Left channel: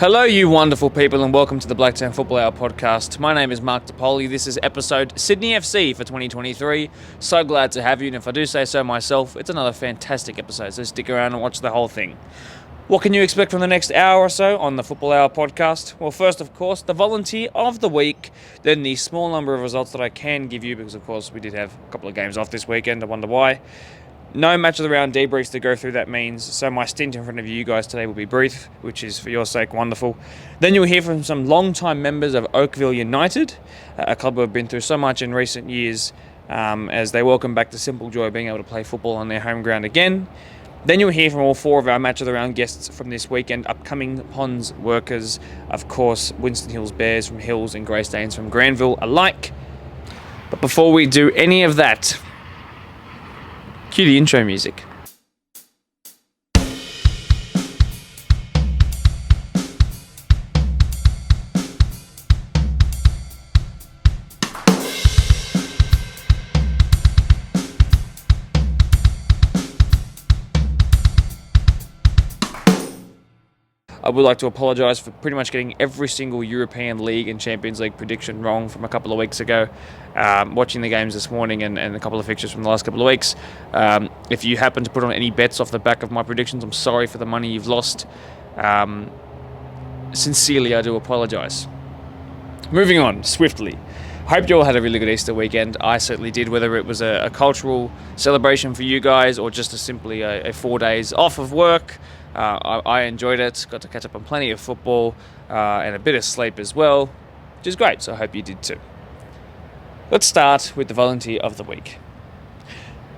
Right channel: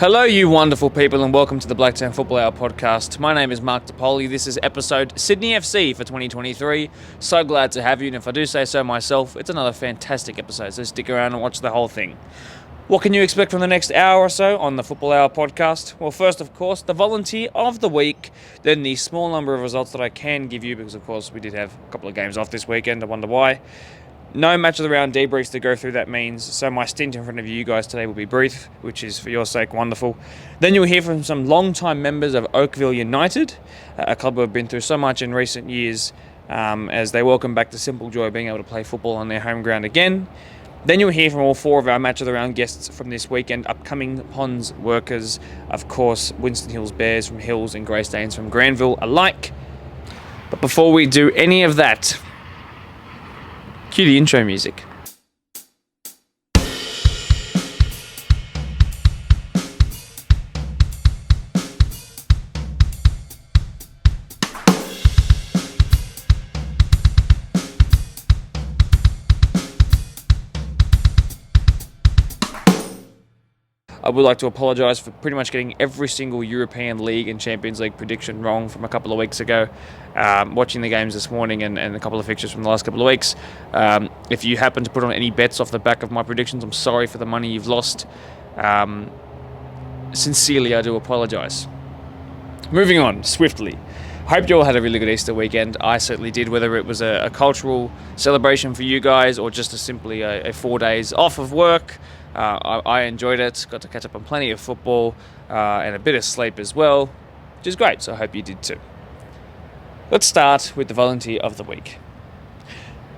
Hello, you wonderful people, and welcome to the Blacktown Football Hour podcast. My name is Mark DePoli. This is episode Sydney FC for 2023. So glad to have you, and if I do say so myself, it's another fantastic episode, so stick around and watch the whole thing. What can you expect from the next hour or so on the Football Hour podcast? Well, first, of course, the volunteer of the week, then the small number of results that I can give you, because, of course, we did have a couple of games off this weekend. I wonder why. No match of the round debriefs to go through, that means, so my stint in front of you guys today will be brief, which is, for your sake, wonderful. Then you'll hear from some long-time members of Oakville United, a club who have been through so much in recent years, as they welcome back the simple joy of being able to play football on their home ground again. Then you'll hear from all four of our match of the round guests from this weekend, upcoming Ponds workers, of course, Winston Hills Bears from Hills and Greystanes from Granville alike. But before we do any of that, cue the intro music. I would like to apologise for pretty much getting every single European League and Champions League prediction wrong from a couple of weeks ago. Watching the games this morning and a couple of fixtures from the last couple of weeks. If you happen to put on any bets off the back of my predictions, I'm sorry for the money you've lost. Sincerely, I do apologise. Moving on, swiftly. Hope you all had a really good Easter weekend. I certainly did, whether it was a cultural celebration for you guys or just simply a 4 days off of work. I enjoyed it, got to catch up on plenty of football and a bit of sleep as well, which is great, so I hope you did too. Let's start with the volunteer of the week.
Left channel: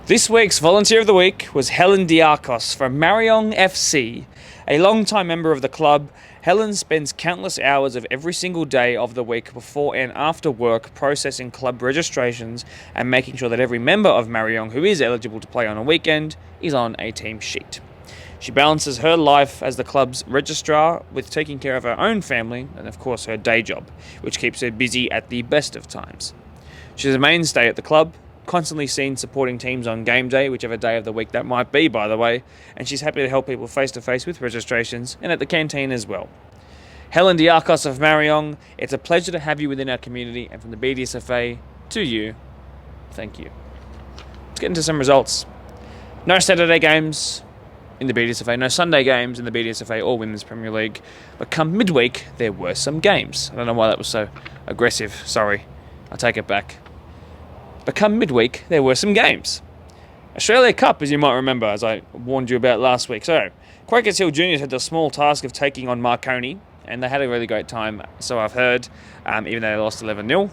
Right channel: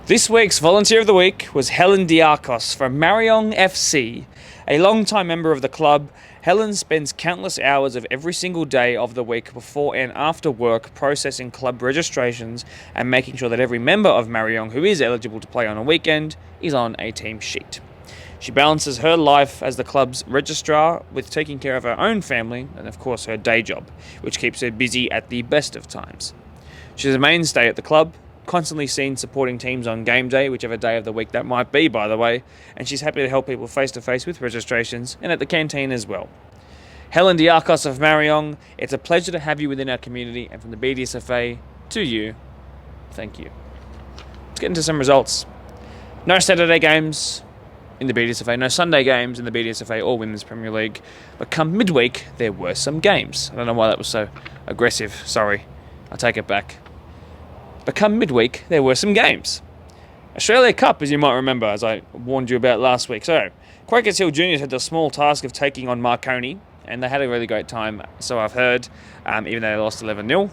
This week's volunteer of the week was Helen Diakos from Mariong FC. A long-time member of the club, Helen spends countless hours of every single day of the week before and after work processing club registrations and making sure that every member of Mariong who is eligible to play on a weekend is on a team sheet. She balances her life as the club's registrar with taking care of her own family and, of course, her day job, which keeps her busy at the best of times. She's a mainstay at the club, constantly seen supporting teams on game day, whichever day of the week that might be, by the way, and she's happy to help people face-to-face with registrations and at the canteen as well. Helen Diakos of Mariong, it's a pleasure to have you within our community, and from the BDSFA to you, thank you. Let's get into some results. No Saturday games in the BDSFA, no Sunday games in the BDSFA or Women's Premier League, but come midweek, there were some games. I don't know why that was so aggressive, sorry, I take it back. But come midweek, there were some games. Australia Cup, as you might remember, as I warned you about last week. So, Quakers Hill Juniors had the small task of taking on Marconi, and they had a really great time, so I've heard, even though they lost 11-0.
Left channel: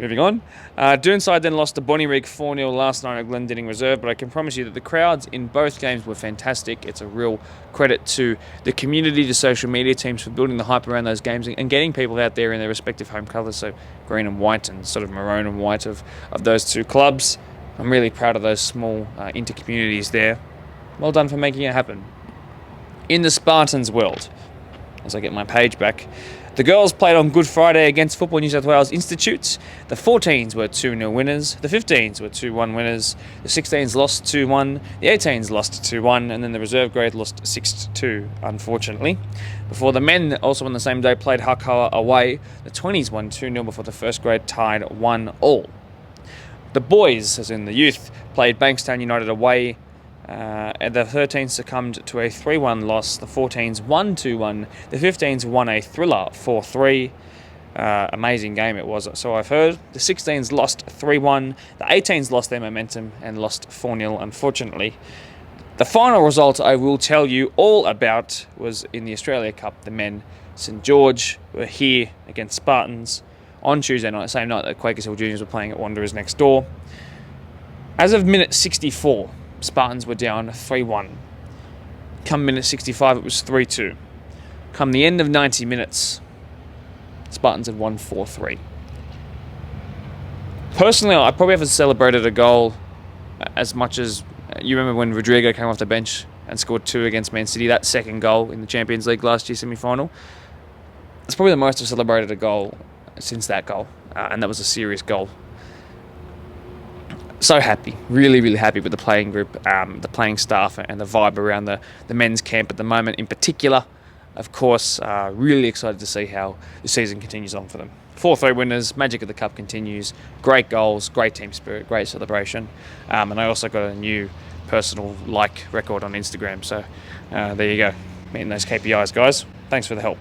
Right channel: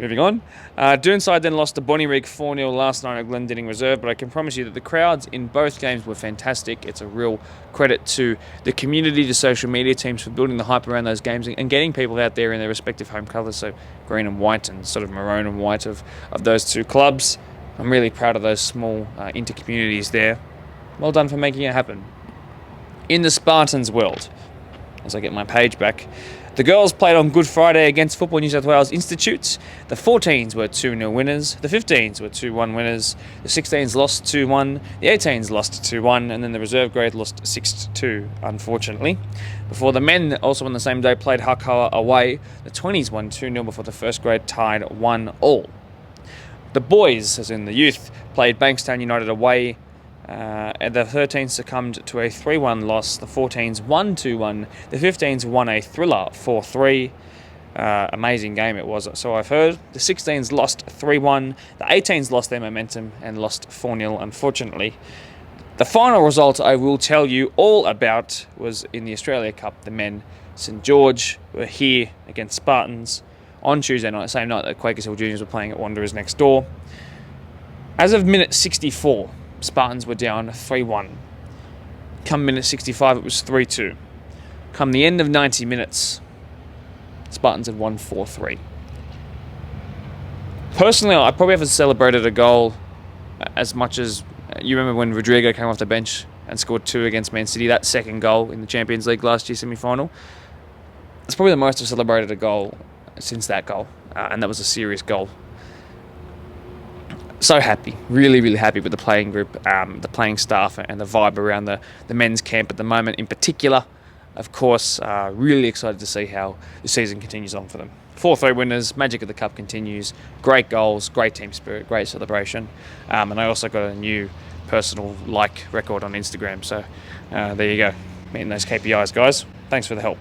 Moving on. Doonside then lost to Bonnyrigg 4-0 last night at Glendinning Reserve, but I can promise you that the crowds in both games were fantastic. It's a real credit to the community, the social media teams for building the hype around those games and getting people out there in their respective home colours, so green and white and sort of maroon and white of those two clubs. I'm really proud of those small inter-communities there. Well done for making it happen. In the Spartans world, as I get my page back, the girls played on Good Friday against Football New South Wales Institutes. The 14s were 2-0 winners. The 15s were 2-1 winners. The 16s lost 2-1. The 18s lost 2-1. And then the reserve grade lost 6-2, unfortunately. Before the men, also on the same day, played Hakawa away. The 20s won 2-0 before the first grade tied 1-1. The boys, as in the youth, played Bankstown United away. And the 13s succumbed to a 3-1 loss. The 14s won 2-1. The 15s won a thriller 4-3. Amazing game it was, so I've heard. The 16s lost 3-1. The 18s lost their momentum and lost 4-0, unfortunately. The final result I will tell you all about was in the Australia Cup. The men, St George, were here against Spartans on Tuesday night, same night that Quakers Hill Juniors were playing at Wanderers next door. As of minute 64, Spartans were down 3-1. Come minute 65, it was 3-2. Come the end of 90 minutes, Spartans had won 4-3. Personally, I probably haven't celebrated a goal as much as you remember when Rodrigo came off the bench and scored 2 against Man City, that second goal in the Champions League last year semi-final. It's probably the most I've celebrated a goal since that goal, and that was a serious goal. So happy, really, really happy with the playing group, the playing staff, and the vibe around the men's camp at the moment in particular. of course, really excited to see how the season continues on for them. 4-3 winners, magic of the cup continues, great goals, great team spirit, great celebration, and I also got a new personal record on Instagram, so there you go, meeting those KPIs, guys. Thanks for the help.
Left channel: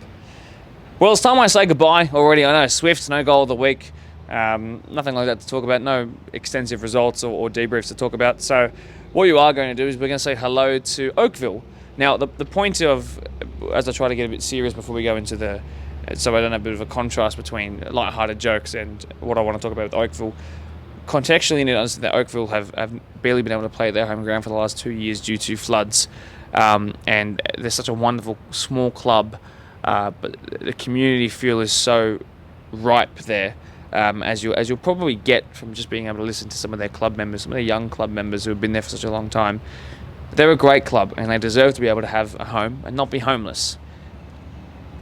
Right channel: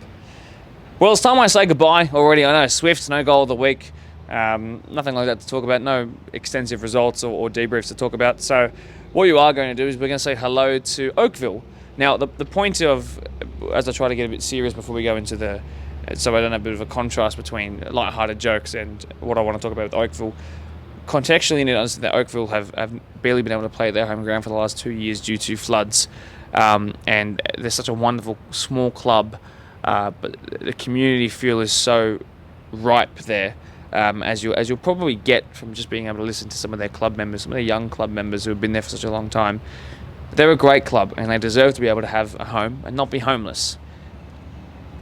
Well, it's time I say goodbye already. I know Swifts, no goal of the week, nothing like that to talk about, no extensive results or debriefs to talk about. So what you are going to do is we're going to say hello to Oakville. Now, the point of, as I try to get a bit serious before we go into so I don't have a bit of a contrast between light-hearted jokes and what I want to talk about with Oakville, contextually, you need to understand that Oakville have barely been able to play at their home ground for the last 2 years due to floods, and they're such a wonderful small club, but the community feel is so ripe there, as you'll probably get from just being able to listen to some of their club members, some of their young club members who have been there for such a long time. They're a great club, and they deserve to be able to have a home and not be homeless.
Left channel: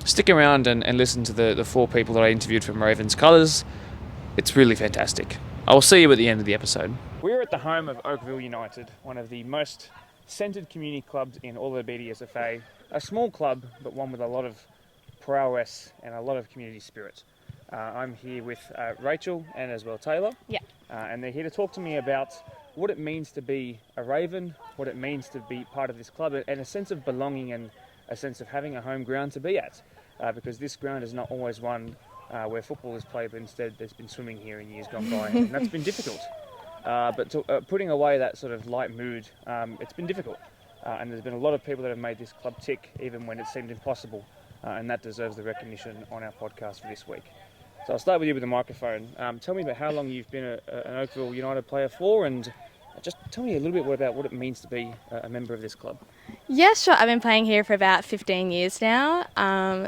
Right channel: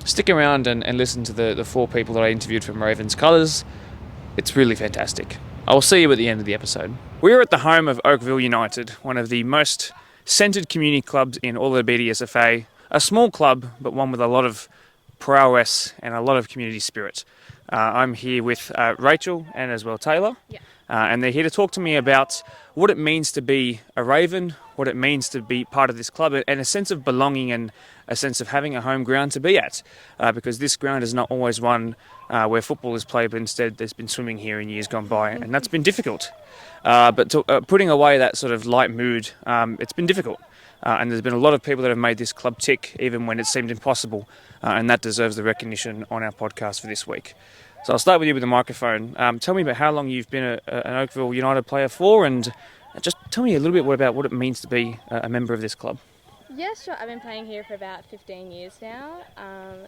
Stick around and listen to the 4 people that I interviewed from Ravens Colours. It's really fantastic. I will see you at the end of the episode. We're at the home of Oakville United, one of the most centred community clubs in all of the BDSFA. A small club, but one with a lot of prowess and a lot of community spirit. I'm here with Rachel and as well Taylor. Yeah. And they're here to talk to me about what it means to be a Raven, what it means to be part of this club, and a sense of belonging and a sense of having a home ground to be at. Because this ground is not always one where football is played, but instead there's been swimming here in years gone by, and that's been difficult. But putting away that sort of light mood, it's been difficult. And there's been a lot of people that have made this club tick, even when it seemed impossible, and that deserves the recognition on our podcast for this week. So I'll start with you with the microphone. Tell me about how long you've been an Oakville United player for, and just tell me a little bit about what it means to be a member of this club. Yeah, sure. I've been playing here for about 15 years now.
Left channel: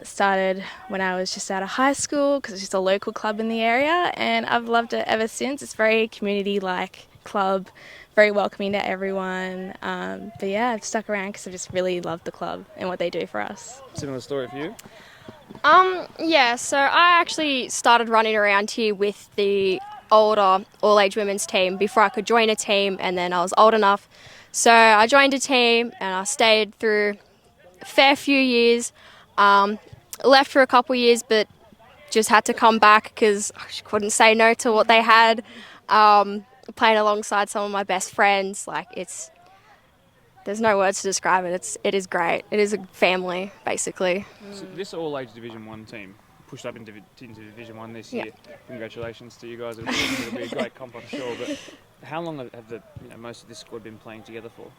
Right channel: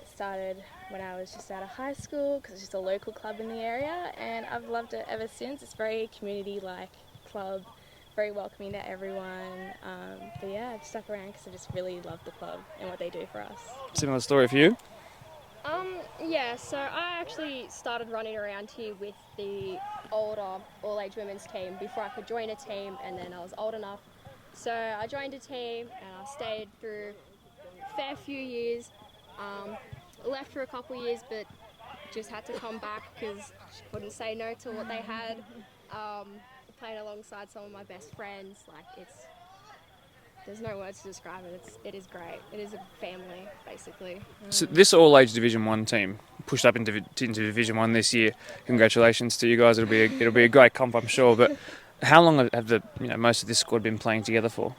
Started when I was just out of high school because it's just a local club in the area, and I've loved it ever since. It's a very community-like club, very welcoming to everyone. But yeah, I've stuck around because I just really love the club and what they do for us. Similar story for you? Yeah, so I actually started running around here with the older all-age women's team before I could join a team, and then I was old enough. So I joined a team and I stayed through a fair few years, left for a couple years, but just had to come back because I couldn't say no to what they had. Playing alongside some of my best friends, there's no words to describe it. It is great. It is a family, basically. So this all-age Division 1 team pushed up into Division 1 this year. Congratulations to you guys. It'll be a great comp, I'm sure. But how long have most of this squad been playing together for?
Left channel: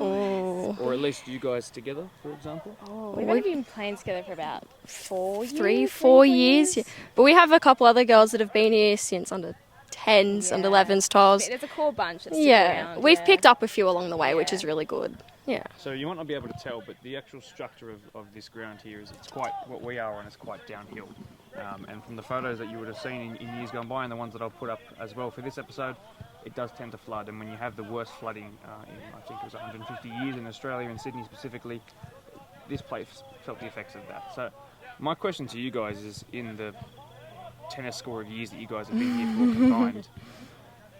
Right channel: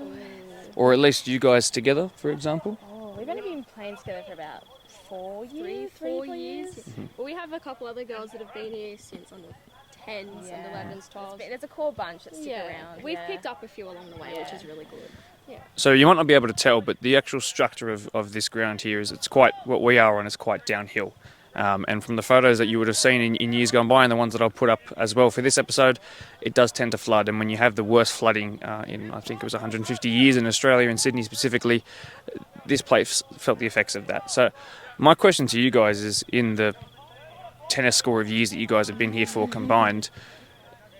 Oh. Or at least you guys together, for example? We've been playing together for about 4 years. Yeah. But we have a couple other girls that have been here since under 10s, under 11s, 12s. It's a cool bunch. We've picked up a few along the way, which is really good. Yeah. So you might not be able to tell, but the actual structure of this ground here is it's quite, what we are on is quite downhill. And from the photos that you would have seen in years gone by and the ones that I'll put up as well for this episode, it does tend to flood. And when you have the worst flooding in, I think it was 150 years in Australia, in Sydney specifically, this place felt the effects of that. So my question to you guys is, in the tennis score of years that you guys have been here for combined,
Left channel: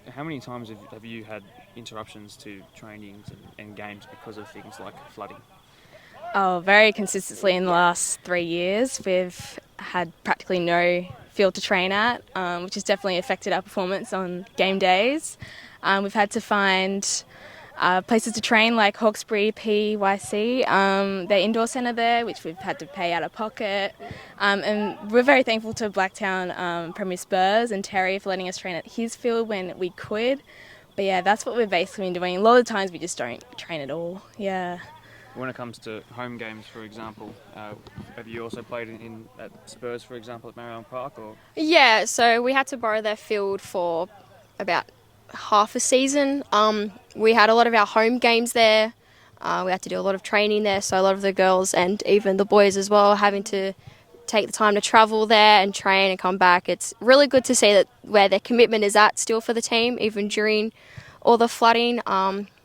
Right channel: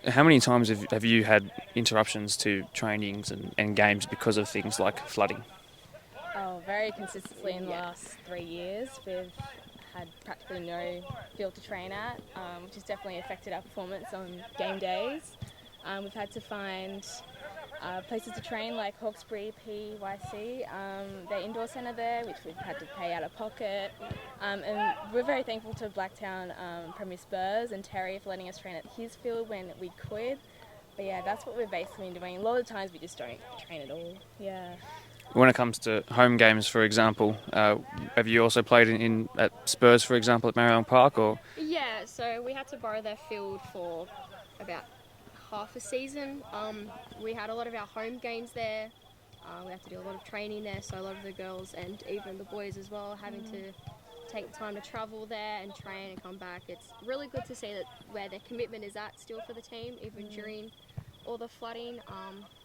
how many times have you had interruptions to trainings and games because of things like flooding? Oh, very consistently in the last 3 years. We've had practically no field to train at, which has definitely affected our performance on game days. We've had to find places to train like Hawkesbury PYC, their indoor centre there, which we've had to pay out of pocket. And we're very thankful to Blacktown Premier Spurs and Terry for letting us train at his field when we could. But yeah, that's what we've basically been doing. A lot of the times we just don't train at all. Yeah. When it comes to home games, for example, have you also played in at Spurs, for example, at Marion Park? Or Yeah, so we had to borrow their field for about half a season. We had a lot of our home games there. We had to do a lot of training there, so a lot of the girls and even the boys as well having to take the time to travel there and train and come back. It's really good to see that where their commitment is at still for the team, even during all the flooding.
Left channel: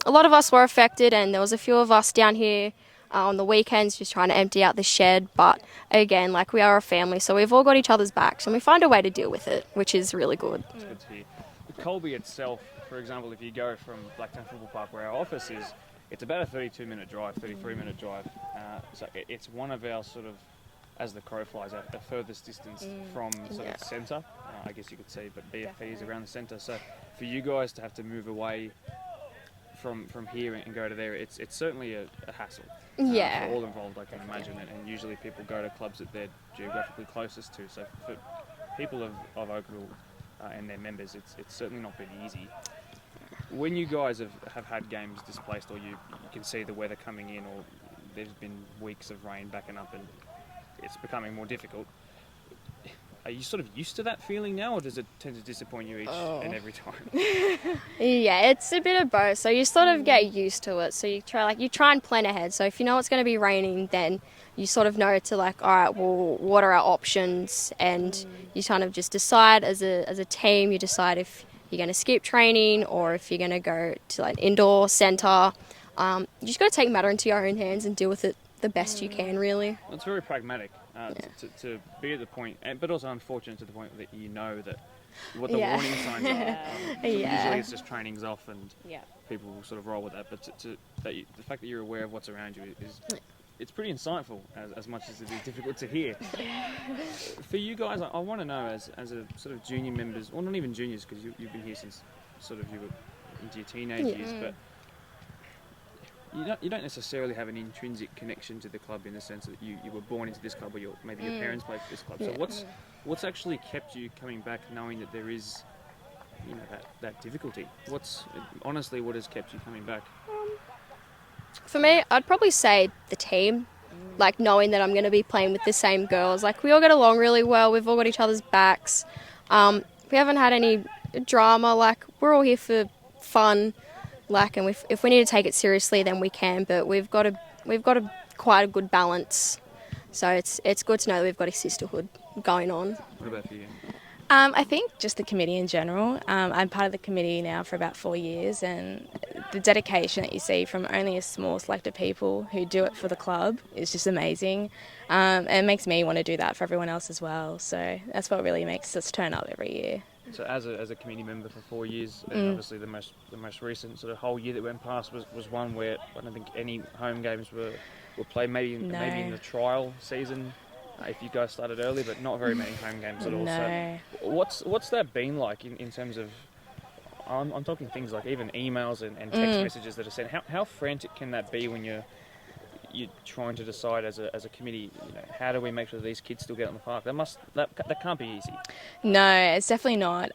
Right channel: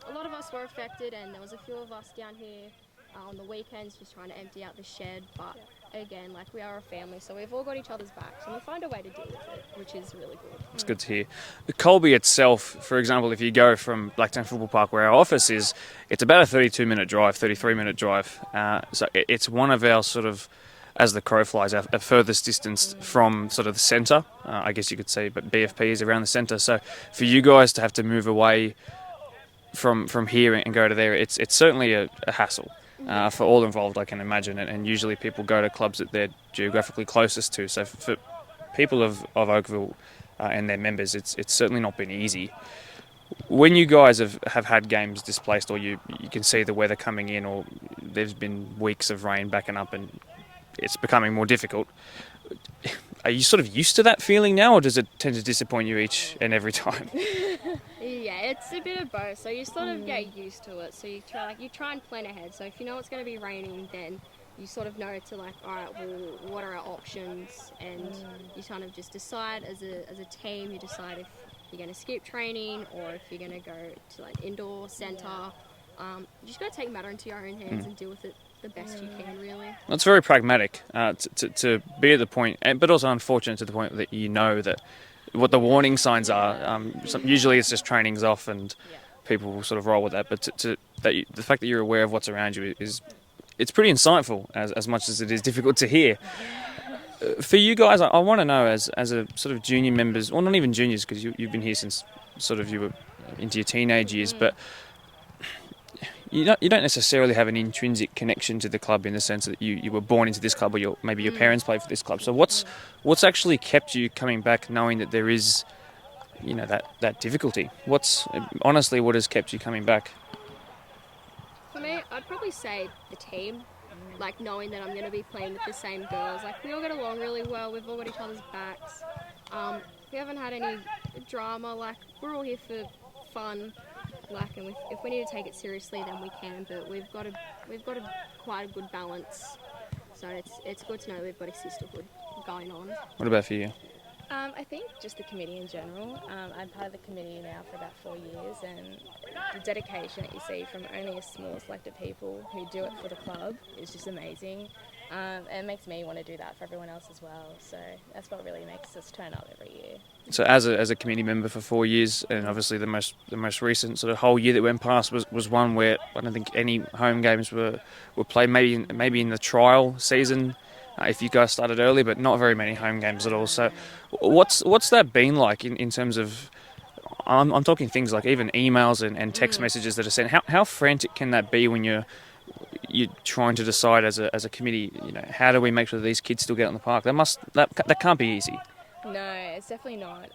A lot of us were affected, and there was a few of us down here On the weekends, just trying to empty out the shed. But again, like, we are a family, so we've all got each other's backs and we find a way to deal with it, which is really good. It's good to hear. The Colby itself, for example, if you go from Blacktown Football Park, where our office is, it's about a 32-minute drive, 33-minute drive. So it's one of our sort of, as the crow flies, our furthest distance from sort of the centre. I guess you could say, but BFP is around the centre. So for you guys to have to move away from here and go to there, it's certainly a hassle. For all involved, I can imagine, and usually people go to clubs that they're geographically closest to. So for people of Oakville and their members, it's certainly not been easy. When you guys have had games displaced, or you can see the weather coming in, or there's been weeks of rain backing up and it's becoming more difficult, are you sort of used to that feeling now, or does it tend to disappoint you each and every time? Yeah, it's a bit of both. So you sort of get used to it. So you try and plan ahead. So if you know it's going to be raining, then you sort of know to, like, all right, well, what are our options? And you kind of just decide as a team. You decide if you're going to skip training or if you're going to go to, like, indoor centre. You just got to take matter into your own hands and deal with it the best you can, really. That's very pragmatic to be at the point, but also unfortunate to the point that you know that what the warning signs are. So usually it's just training's off and people will sort of roll with that. But the fact that you're aware of what's around you it's pretty insightful, as much as it is difficult to hear. For you guys, I want to know, as a sort of junior members, or not even juniors, because you've been here since sort of you were into your teenage years, but you don't necessarily have an intrinsic connection to the club in the sense that you were born into this club, or maybe your parents played for this club. So what's actually kept you coming back, knowing that there is, that difficulty? What has kept you coming back? For me, I'd probably say the team, like, knowing that I'm going to be playing with the same girls. Like, we all get along really well. We've all got each other's backs. We haven't had any drama. Like, we're all here for fun. Like, and if we need to take it seriously, then we can. But we've got quite a good balance. So it's good to know that we've got a sisterhood going on. What about for you? I think just the committee in general. I'm part of the committee now for about 4 years, and the dedication that you see from only a small select of people who do it for the club is just amazing. And it makes me want to do that for everyone else as well. So that's what really makes us turn up every year. So as a committee member for 4 years, and obviously the most recent sort of whole year that went past was one where I don't think any home games were played. Maybe in the trial season, if you guys started early, but not very many home games at all. No. So what's that been like in terms of? I'm talking things like even emails and text messages that are sent. How frantic can that be when you're trying to decide as a committee? How do we make sure that these kids still get on the park? That can't be easy. No, it's definitely not.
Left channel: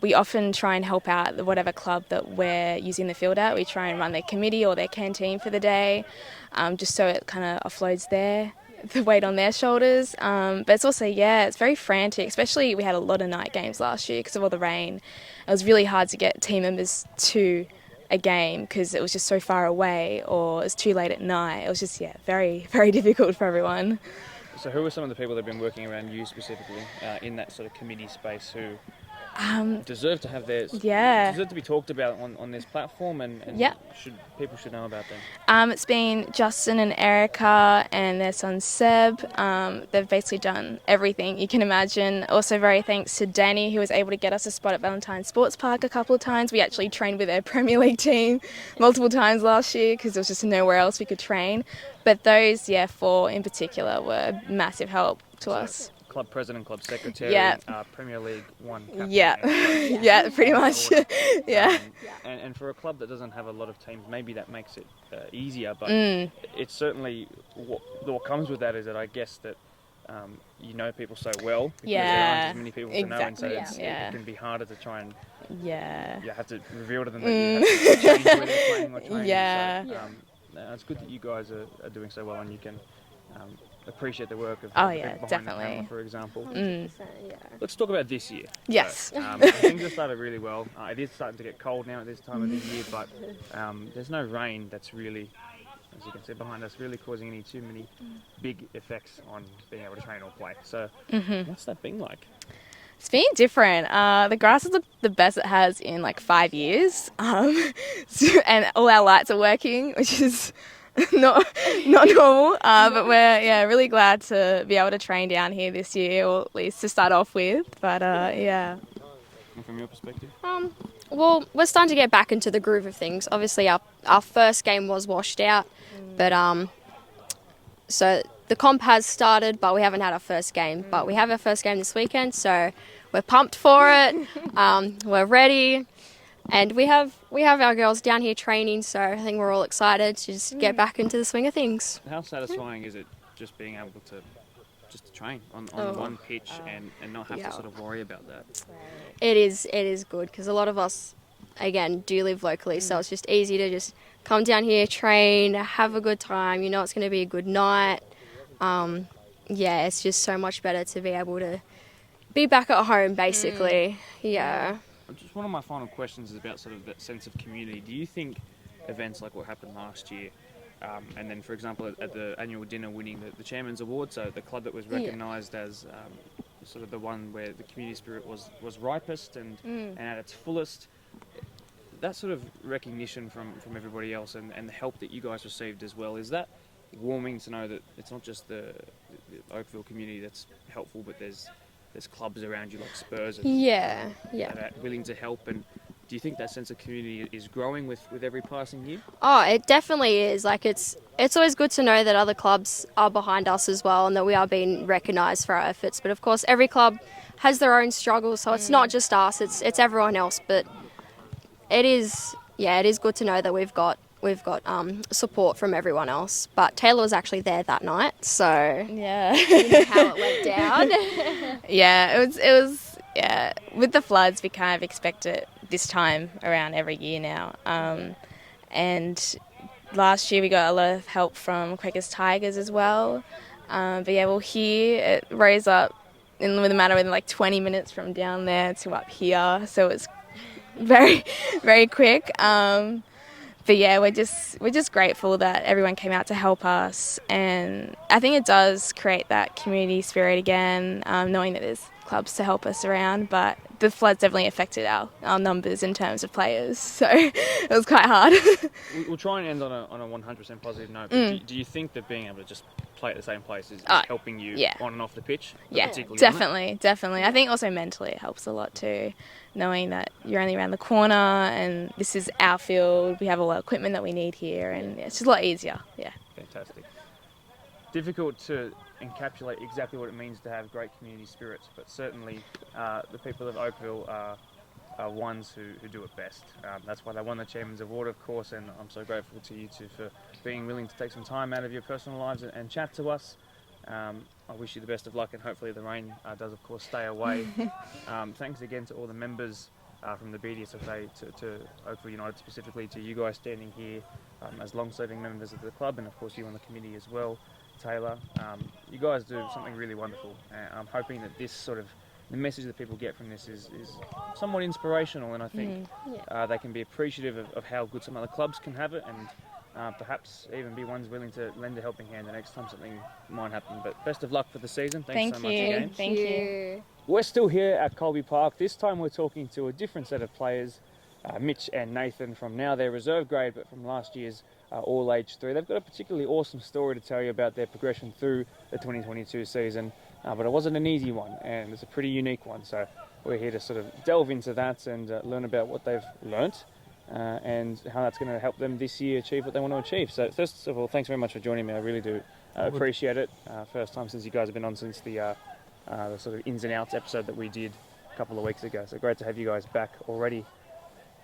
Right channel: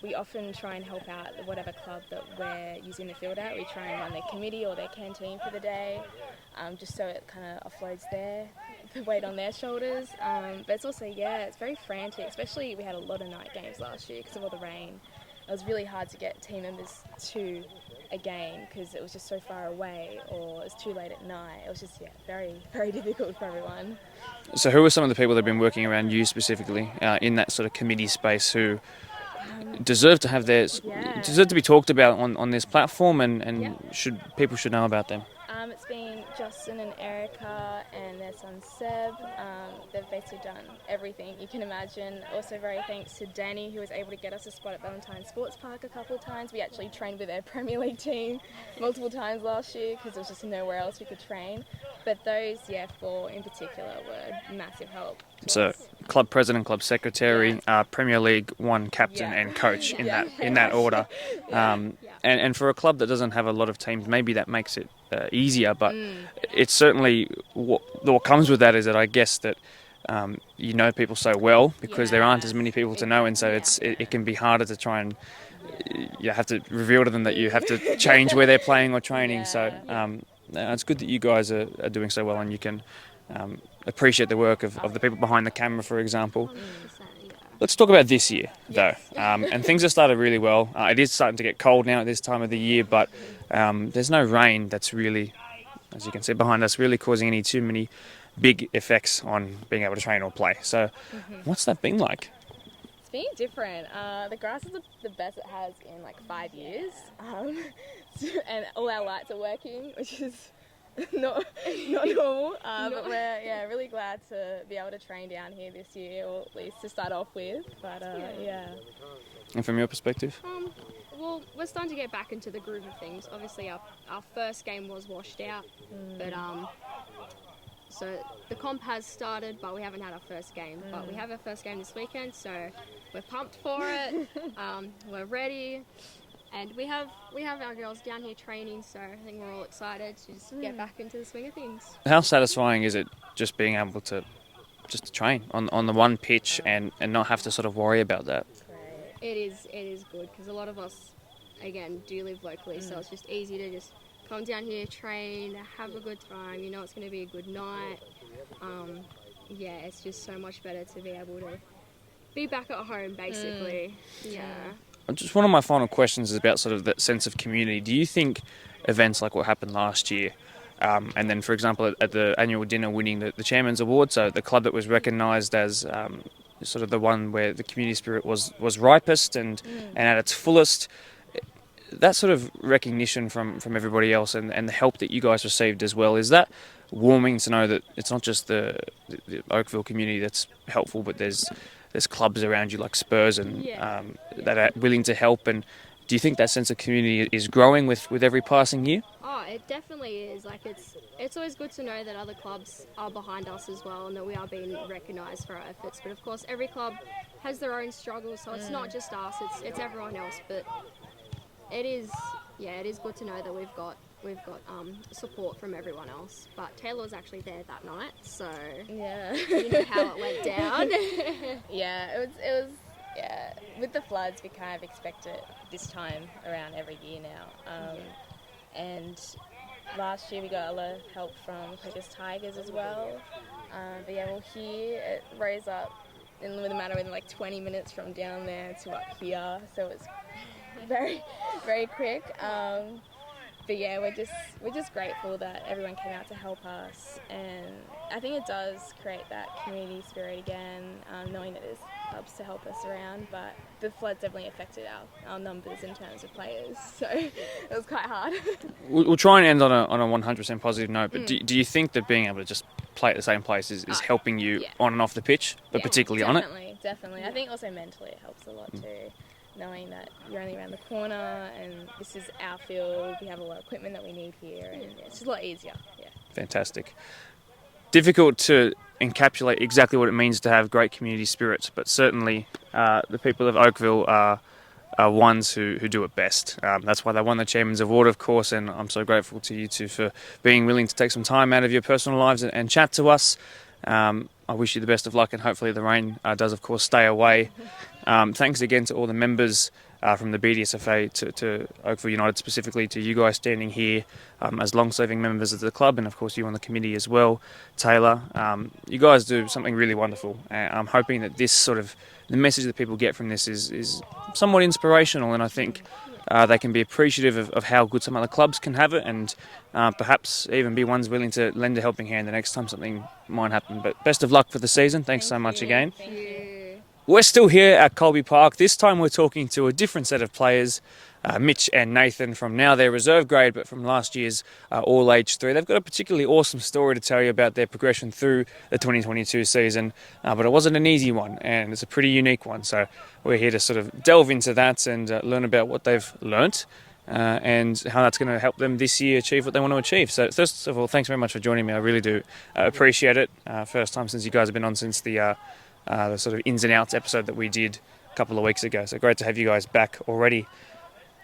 We often try and help out whatever club that we're using the field at. We try and run their committee or their canteen for the day, just so it kind of offloads the weight on their shoulders. But it's also, it's very frantic, especially we had a lot of night games last year because of all the rain. It was really hard to get team members to a game because it was just so far away or it was too late at night. It was just, very, very difficult for everyone. So who are some of the people that have been working around you specifically in that sort of committee space who deserve to have deserve to be talked about on this platform and people should know about them? It's been Justin and Erica and their son Seb. They've basically done everything you can imagine. Also very thanks to Danny, who was able to get us a spot at Valentine Sports Park a couple of times. We actually trained with their Premier League team multiple times last year because there was just nowhere else we could train. But those, 4 in particular, were massive help to us. Club president, club secretary, Premier League 1 captain and coach. Pretty much. That order. And for a club that doesn't have a lot of teams, maybe that makes it easier. But it's certainly what comes with that is that I guess that people so well because there aren't as many people to know, and so it can be harder to try and you have to reveal to them that you have to change where they're playing or training. So it's good that you guys are doing so well, and you can appreciate the work of the people behind the camera, for example. Let's talk about this year, yes. though. And things have started really well. It is starting to get cold now at this time of the year, but there's no rain that's really, as you can see behind us, really causing too many big effects on being able to train or play. So what's that been like? It's been different. The grass is the best it has in like 5 years. And all our lights are working, which is not normal. But we're really glad to be able to train down here this year, or at least to start off with. But yeah. And from your perspective? Well, we're starting to get back into the groove of things. Obviously, our first game was washed out, but so the comp has started, but we haven't had our first game. But we have our first game this weekend, so we're pumped for it. We're ready, and we have our girls down here training, so I think we're all excited to just get back into the swing of things. How satisfying is it just being able to train on the one pitch and not have to sort of worry about that? It is good because a lot of us, again, do live locally, so it's just easy to just come down here, train, have a good time. You know it's going to be a good night. It's just so much better to be able to be back at home, basically. Yeah. Just one of my final questions is about sort of that sense of community. Do you think events like what happened last year, and then, for example, at the annual dinner winning the Chairman's Award, so the club that was recognised as sort of the one where the community spirit was ripest and at its fullest, that sort of recognition from everybody else and the help that you guys received as well, is that warming to know that it's not just the Oakville community that's helpful, but there's clubs around you like Spurs and that are willing to help? And do you think that sense of community is growing with every passing year? Oh, it definitely is. Like it's always good to know that other clubs are behind us as well and that we are being recognised for our efforts. But of course, every club has their own struggles, so it's not just us, it's everyone else. But it is good to know that we've got support from everyone else. But Taylor was actually there that night, so Yeah. you know how it went down. It was with the floods, we kind of expect it this time around every year now. And last year we got a lot of help from Quakers Tigers as well. But yeah, well, here it rose up with a matter of like 20 minutes from down there to up here, so it's very, very quick. But yeah, we're just grateful that everyone came out to help us, and I think it does create that community spirit again, knowing that there's clubs to help us around. But the floods definitely affected our numbers in terms of players, so it was quite hard. We'll try and end on a 100% positive note, but do you think that being able to just play at the same place is helping you on and off the pitch, but particularly on it? Definitely. I think also mentally it helps a lot too, knowing that you're only around the corner and this is our field, we have all the equipment that we need here, and it's just a lot easier. Yeah. Fantastic. Difficult to encapsulate exactly what it means to have great community spirits, but certainly the people of Oakville are ones who do it best. That's why they won the Chairman's Award, of course, and I'm so grateful to you two for being willing to take some time out of your personal lives and chat to us. I wish you the best of luck, and hopefully the rain does, of course, stay away. Thanks again to all the members from the BDSFA to Oakville United, specifically to you guys standing here as long-serving members of the club, and of course you on the committee as well. Taylor, you guys do something really wonderful. I'm hoping that this sort of, the message that people get from this is somewhat inspirational, and I think they can be appreciative of how good some other clubs can have it, and perhaps even be ones willing to lend a helping hand the next time something might happen. But best of luck for the season. Thanks so much again. Thank you. We're still here at Colby Park. This time we're talking to a different set of players, Mitch and Nathan, from now their reserve grade, but from last year's All Age 3. They've got a particularly awesome story to tell you about their progression through the 2022 season, but it wasn't an easy one, and it's a pretty unique one. So we're here to sort of delve into that and learn about what they've learnt and how that's going to help them this year achieve what they want to achieve. So first of all, thanks very much for joining me. I really do appreciate it. First time since you guys have been on since the sort of ins and outs episode that we did a couple of weeks ago. So great to have you guys back already.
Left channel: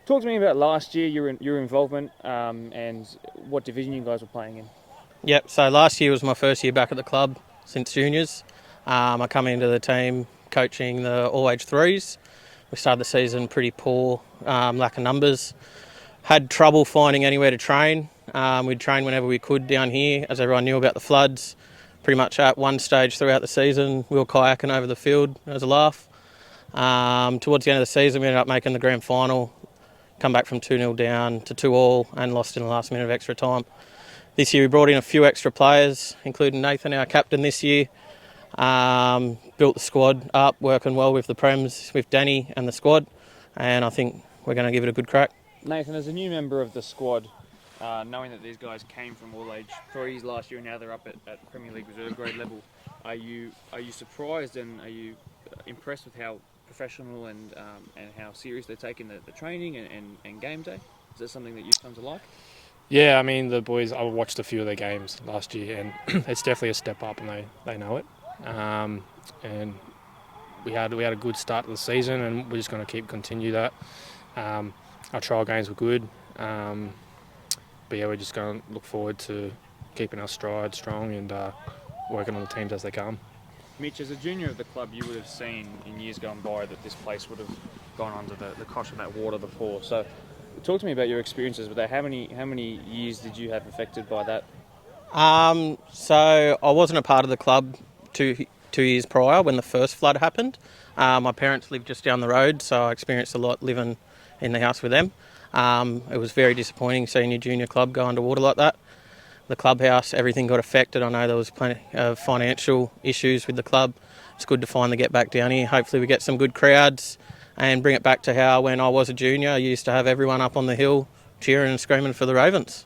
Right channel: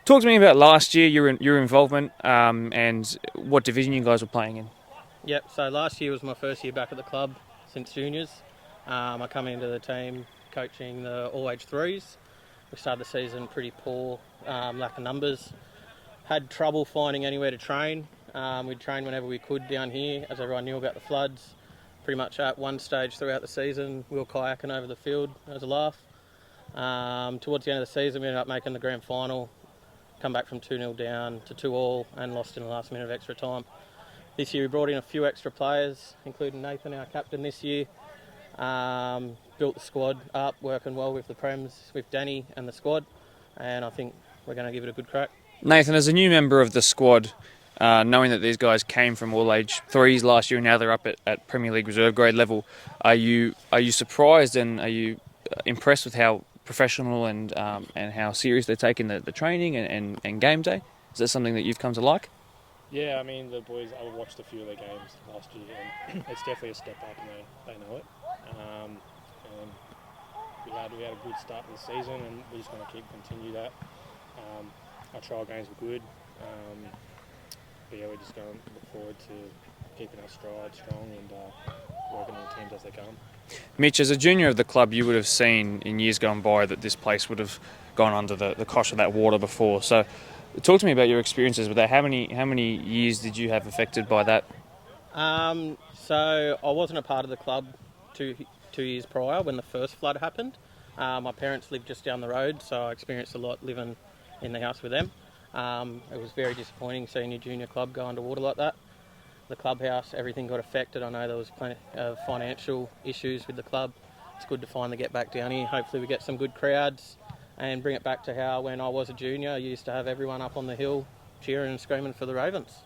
Talk to me about last year, your involvement, and what division you guys were playing in. Yep, so last year was my first year back at the club since juniors. I come into the team coaching the All Age 3s. We started the season pretty poor, lack of numbers. Had trouble finding anywhere to train. We'd train whenever we could down here, as everyone knew about the floods. Pretty much at one stage throughout the season, we were kayaking over the field as a laugh. Towards the end of the season, we ended up making the grand final, come back from 2-0 down to 2-2 and lost in the last minute of extra time. This year we brought in a few extra players, including Nathan, our captain this year. Built the squad up, working well with the Prems, with Danny and the squad, and I think we're going to give it a good crack. Nathan, as a new member of the squad, knowing that these guys came from all age threes last year and now they're up at Premier League reserve grade level. Are you surprised and are you impressed with how professional and how serious they're taking the training and game day? Is that something that you've come to like? Yeah, I mean, the boys, I watched a few of their games last year, and it's definitely a step up, and they know it. And we had a good start to the season, and we're just going to continue that. Our trial games were good, but yeah, we're just going to look forward to keeping our stride strong and working on the teams as they come. Mitch, as a junior of the club, you would have seen in years gone by that this place would have gone under the cosh of that water before. So talk to me about your experiences with that. How many years did you have affected by that? So I wasn't a part of the club 2 years prior when the first flood happened. My parents lived just down the road, so I experienced a lot living in the house with them. It was very disappointing seeing your junior club go underwater like that. The clubhouse, everything got affected. I know there was plenty of financial issues with the club. It's good to finally get back down here. Hopefully we get some good crowds and bring it back to how when I was a junior, I used to have everyone up on the hill cheering and screaming for the Ravens.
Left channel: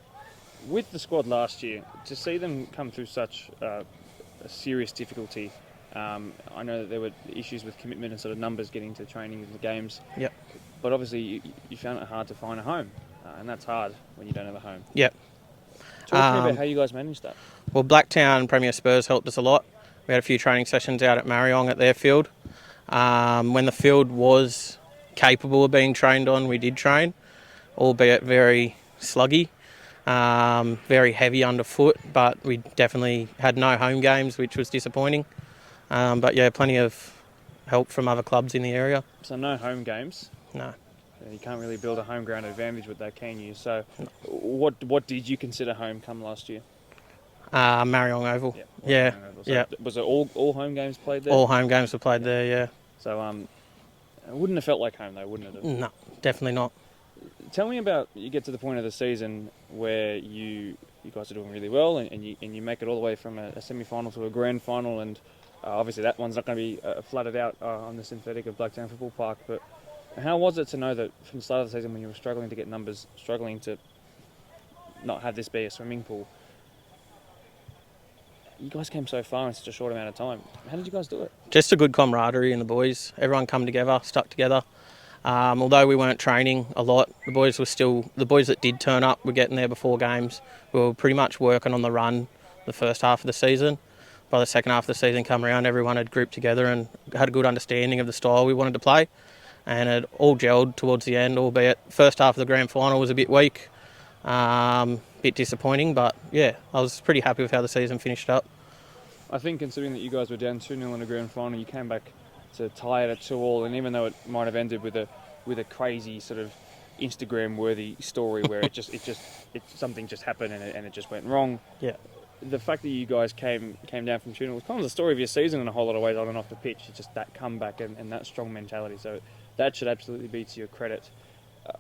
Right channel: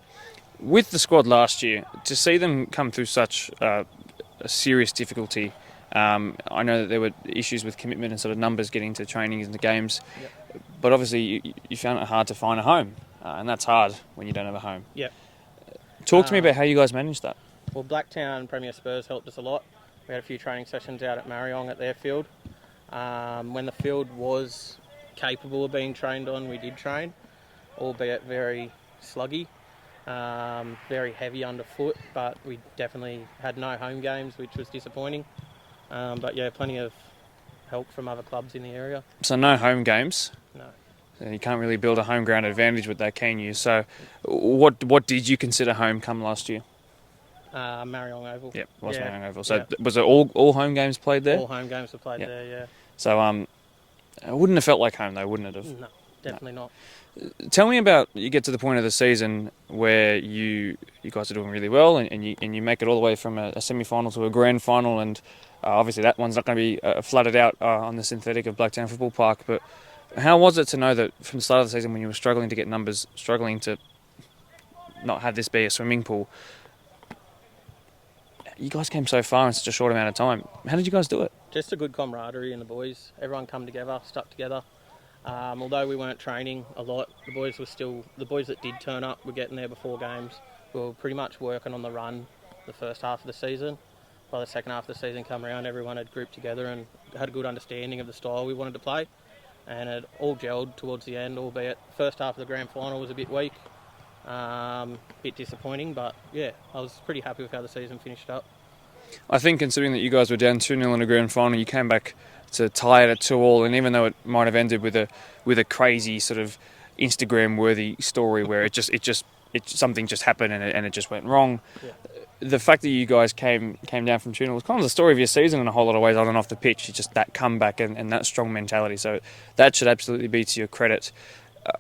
With the squad last year, to see them come through such a serious difficulty, I know that there were issues with commitment and sort of numbers getting to trainings and the games. Yep. But obviously you found it hard to find a home, and that's hard when you don't have a home. Yep. Talk to me about how you guys managed that. Well, Blacktown Premier Spurs helped us a lot. We had a few training sessions out at Mariong at their field. When the field was capable of being trained on, we did train, albeit very sluggy, very heavy underfoot, but we definitely had no home games, which was disappointing. But yeah, plenty of help from other clubs in the area. So no home games. No. You can't really build a home ground advantage with that, can you? So what did you consider home come last year? Mariong Oval. Yep, Yeah. Mariong Oval. So was it all home games played there? All home games were played there, yeah. So it wouldn't have felt like home though, wouldn't it have? No, definitely not. Tell me about, you get to the point of the season where you guys are doing really well and you make it all the way from a semi-final to a grand final, and obviously that one's not going to be flooded out on the synthetic of Blacktown Football Park, but how was it to know that from the start of the season when you were struggling to get numbers, struggling to not have this be a swimming pool, you guys came so far in such a short amount of time? How did you guys do it? Just a good camaraderie in the boys. Everyone come together, stuck together. Although we weren't training a lot, the boys that did turn up were getting there before games. We were pretty much working on the run the first half of the season. By the second half of the season come around, everyone had grouped together and had a good understanding of the style we wanted to play. And it all gelled towards the end, albeit first half of the grand final was a bit weak, bit disappointing, but yeah, I was pretty happy with how the season finished up. I think considering that you guys were down 2-0 in a grand final, you came back to tie it at 2-2, and even though it might have ended with a crazy sort of Instagram-worthy story where something just happened and it just went wrong. Yeah. The fact that you guys came down from 2-0 was kind of the story of your season in a whole lot of ways on and off the pitch. It's just that comeback and that strong mentality. So that should absolutely be to your credit.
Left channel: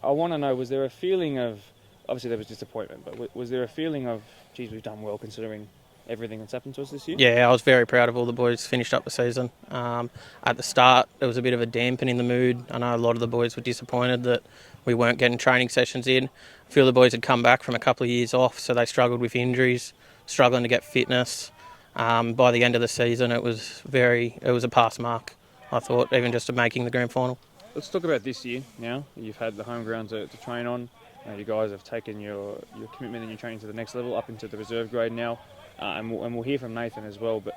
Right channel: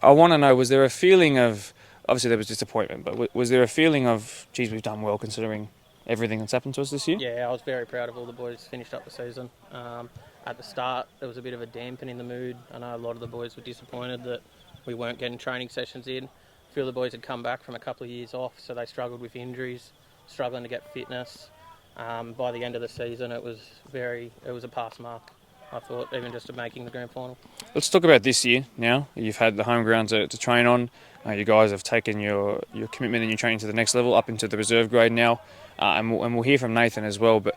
I want to know, was there a feeling of, obviously there was disappointment, but was there a feeling of, geez, we've done well considering everything that's happened to us this year? Yeah, I was very proud of all the boys finished up the season. At the start, there was a bit of a dampen in the mood. I know a lot of the boys were disappointed that we weren't getting training sessions in. A few of the boys had come back from a couple of years off, so they struggled with injuries, struggling to get fitness. By the end of the season, it was a pass mark, I thought, even just to making the grand final. Let's talk about this year now. You've had the home ground to train on. You guys have taken your commitment and your training to the next level, up into the reserve grade now. And we'll hear from Nathan as well, but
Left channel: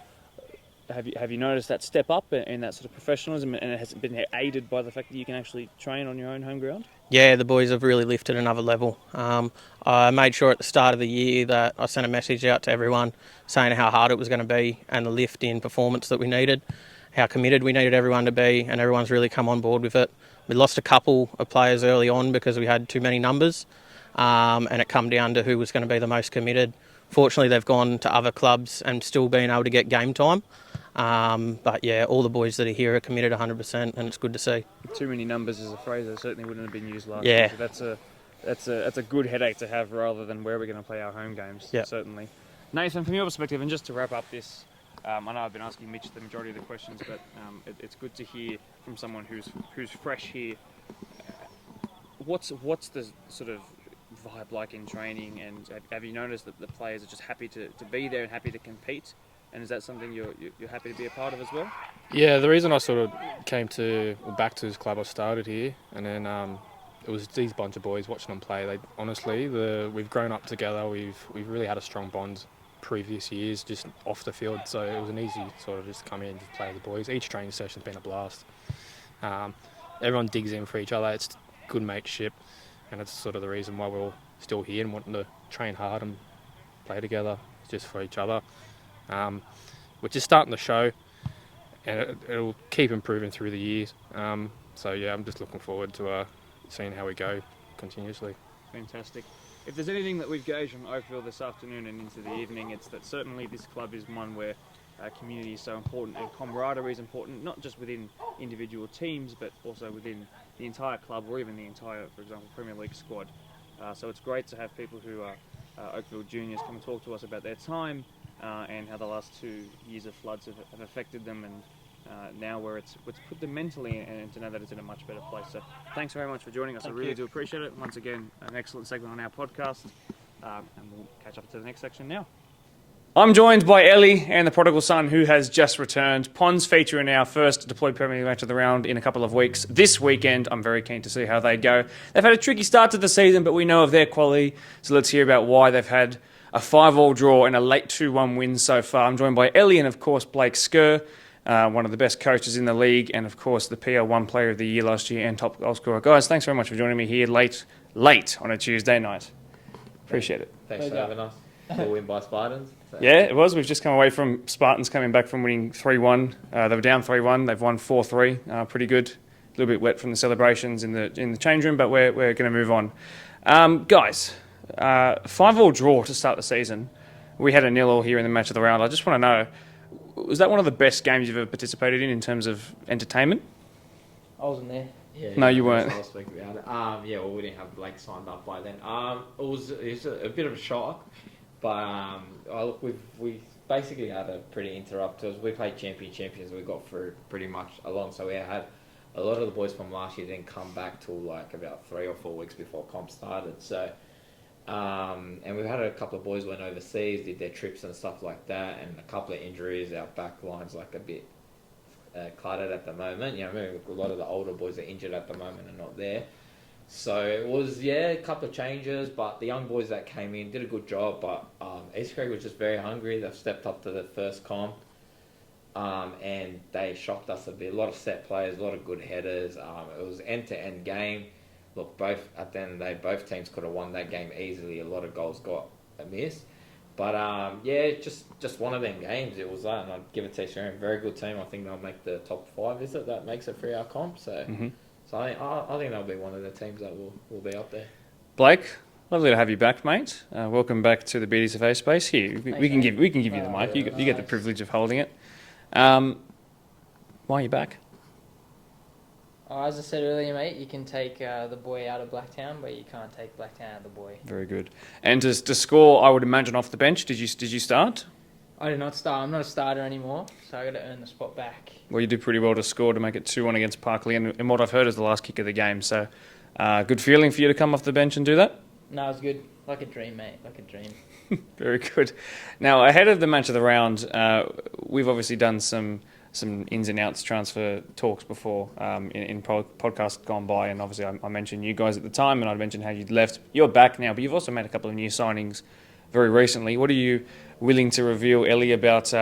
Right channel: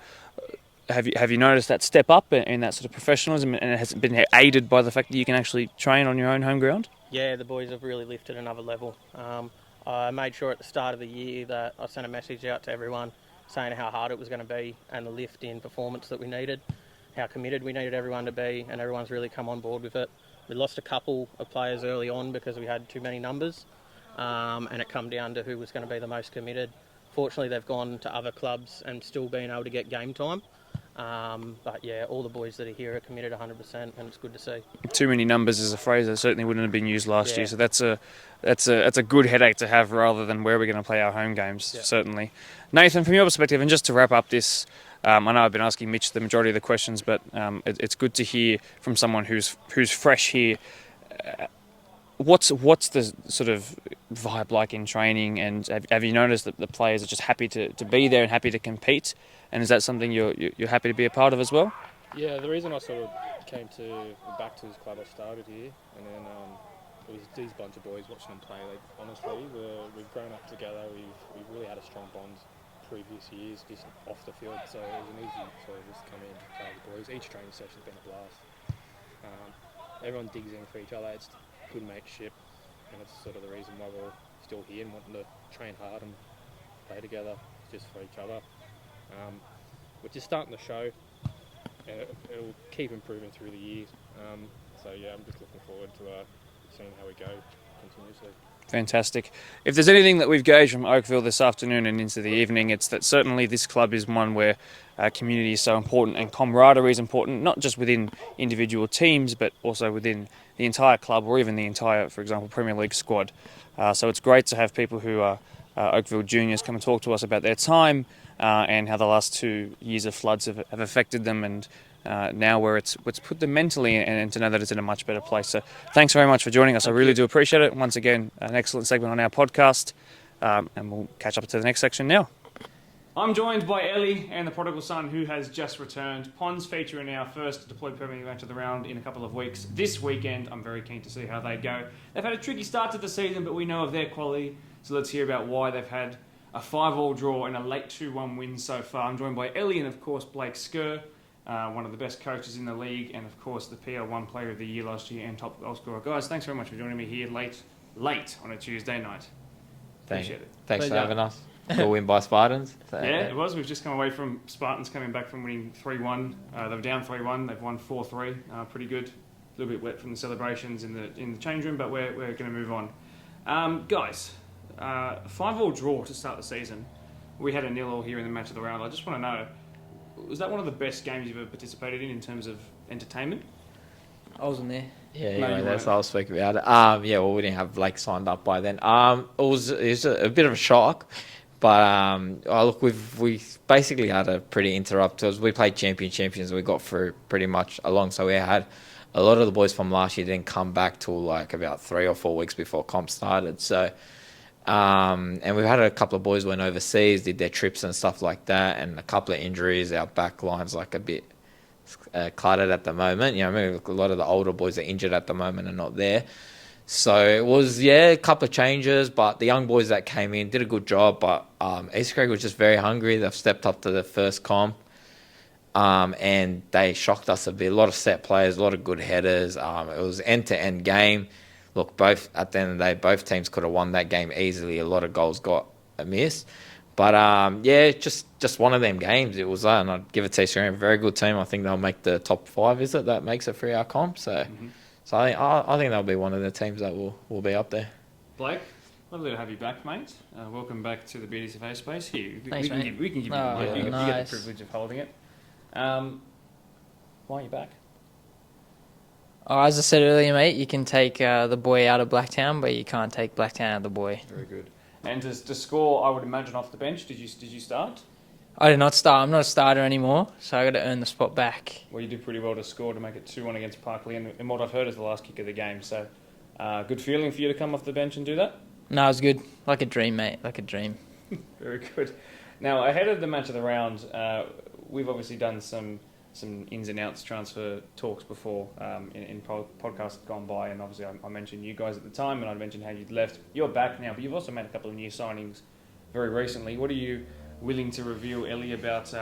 have you noticed that step up in that sort of professionalism, and has it been aided by the fact that you can actually train on your own home ground? Yeah, the boys have really lifted another level. I made sure at the start of the year that I sent a message out to everyone saying how hard it was going to be and the lift in performance that we needed, how committed we needed everyone to be, and everyone's really come on board with it. We lost a couple of players early on because we had too many numbers, and it come down to who was going to be the most committed. Fortunately, they've gone to other clubs and still been able to get game time. But yeah, all the boys that are here are committed 100%, and it's good to see. Too many numbers is a phrase that certainly wouldn't have been used last year, so that's a good headache to have rather than where we're going to play our home games, certainly. Nathan, from your perspective, and just to wrap up this, I know I've been asking Mitch the majority of the questions, but it's good to hear from someone who's fresh here. What's the sort of vibe like in training? And have you noticed that the players are just happy to be there and happy to compete? And is that something you're happy to be a part of as well? Yeah, the reason I sort of back to this club, I started here, and then it was these bunch of boys watching them play. We've grown up together. We've really had a strong bond previous years, just off the field. So it was an easy sort of just come in and just play with the boys. Each training session's been a blast. Everyone digs in for each other. It's good mateship, and that's sort of the reason why we're all still here and wanting to train hard and play together just for each other. We're just starting to show, and it'll keep improving through the years. So yeah, I'm just looking forward to seeing how we go continuously. Fantastic. If there's anything that we've gauged from Oakville this afternoon and into the evening, it's that certainly this club is one where community is so important and camaraderie is important, not just within individual teams, but also within the entire club or even the entire, for example, Premier League squad. So it's great to have people who are Oakville juniors come and talk to us about their time and how the last 2 years of floods have affected them, and now where it's put them mentally, and to know that it's in a much better place. So thanks very much for joining us. I really do appreciate it. Once again, an excellent segment on our podcast, and we'll catch up to the next section now. I'm joined by Ellie and the prodigal son who has just returned. Ponds feature in our first deployed Premier League match of the round in a couple of weeks. This weekend, I'm very keen to see how they go. They've had a tricky start to the season, but we know of their quality, so let's hear about why they've had a 5-5 draw and a late 2-1 win so far. I'm joined by Ellie and, of course, Blake Skerr, one of the best coaches in the league, and, of course, the PL1 Player of the Year last year and top goal scorer. Guys, thanks very much for joining me here late on a Tuesday night. Appreciate it. Thanks for having us. Good win by Spartans. So. Yeah, it was. We've just come away from Spartans coming back from winning 3-1. They were down 3-1. They've won 4-3. Pretty good. A little bit wet from the celebrations in the change room, but we're going to move on. Guys, 5-5 draw to start the season. We had a 0-0 here in the match of the round. I just want to know, was that one of the best games you've ever participated in terms of entertainment? I wasn't there. Yeah, no, you weren't. I'll speak about it. Yeah, well, we didn't have Blake signed up by then. It was a bit of a shock, but look, we basically had a pretty interrupt. We played champions. We got through pretty much along. So we had a lot of the boys from last year didn't come back till like about 3 or 4 weeks before comp started. So, and we've had a couple of boys went overseas, did their trips and stuff like that, and a couple of injuries. Our back line's like a bit cluttered at the moment. You know, I mean, a lot of the older boys are injured at the moment and not there. So it was, a couple of changes, but the young boys that came in did a good job. But East Craig was just very hungry. They've stepped up to the first comp, and they shocked us a bit. A lot of set players, a lot of good headers. It was end-to-end game. Look, at the end of the day, both teams could have won that game easily. A lot of goals got missed. But, just one of them games. It was and I'd give it to East Craig. Very good team. I think they'll make the top 5, is it? That makes it 3-hour comp. So... Mm-hmm. So I think they'll be one of the teams that will be up there. Blake, lovely to have you back, mate. Welcome back to the BDSFA space. Here, we can give you the mic. You get the privilege of holding it. Why are you back? Oh, as I said earlier, mate, you can take the boy out of Blacktown, but you can't take Blacktown out of the boy. Very good. And to score, I would imagine off the bench. Did you start? I did not start. I'm not a starter anymore, so I got to earn the spot back. Well, you did pretty well to score to make it 2-1 against Parkley, and what I've heard is the last kick of the game. So, good feeling for you to come off the bench and do that? No, it was good. Like a dream, mate. Like a dream. Very good. Now, ahead of the match of the round, we've obviously done some ins and outs transfer talks before in podcasts gone by, and obviously I mentioned you guys at the time, and I mentioned how you'd left. You're back now, but you've also made a couple of new signings very recently. What are you willing to reveal, Ellie, about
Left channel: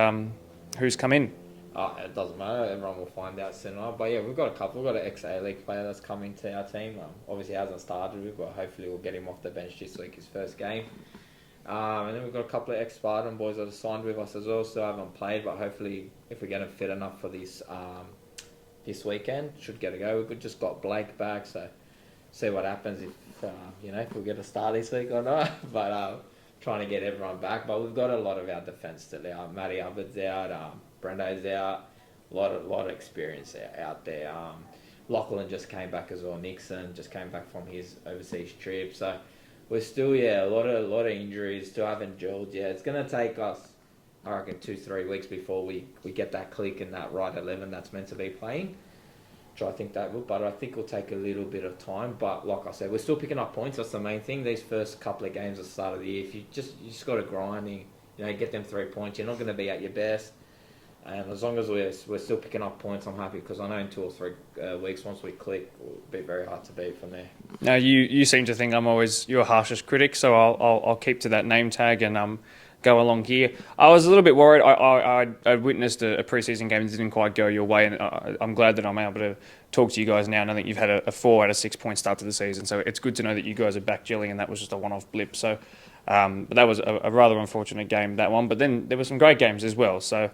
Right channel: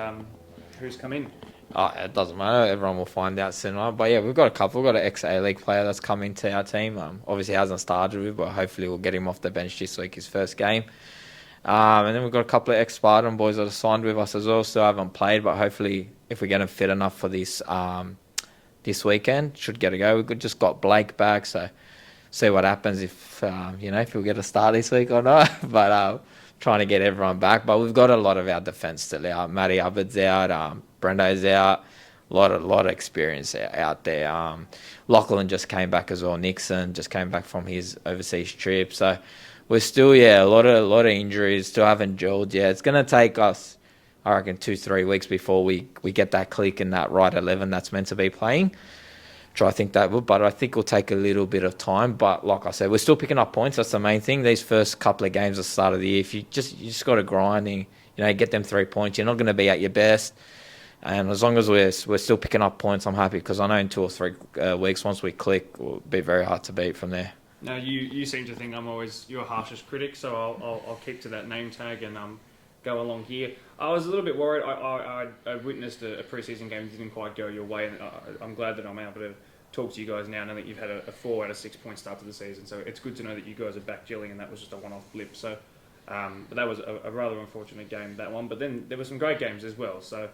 who's come in? It doesn't matter. Everyone will find out soon. But yeah, we've got a couple. We've got an ex-A-League player that's come into our team. Obviously hasn't started with, but hopefully we'll get him off the bench this week, his first game. And then we've got a couple of ex-Spartan boys that are signed with us as well. Still haven't played, but hopefully if we get them fit enough for this weekend, should get a go. We've just got Blake back, so see what happens if he'll get a start this week or not. But trying to get everyone back, but we've got a lot of our defence still out. Matty Hubbard's out, Brendo's out, a lot of experience out there. Lachlan just came back as well. Nixon just came back from his overseas trip, so we're still a lot of injuries. Still haven't gelled yet. It's gonna take us, I reckon, 2-3 weeks before we get that click in that right 11 that's meant to be playing. I think that would, but I think it'll take a little bit of time. But like I said, we're still picking up points. That's the main thing. These first couple of games at the start of the year, if you just got to grind and get them 3 points. You're not going to be at your best, and as long as we're still picking up points, I'm happy, because I know in 2 or 3 weeks, once we click, it'll be very hard to beat from there. Now, you seem to think I'm always your harshest critic, so I'll keep to that name tag and go along here. I was a little bit worried. I witnessed a preseason game that didn't quite go your way, and I'm glad that I'm able to talk to you guys now. And I think you've had a 4 out of 6 point start to the season, so it's good to know that you guys are back gelling, and that was just a one-off blip. So, but that was a rather unfortunate game, that one. But then there were some great games as well. So,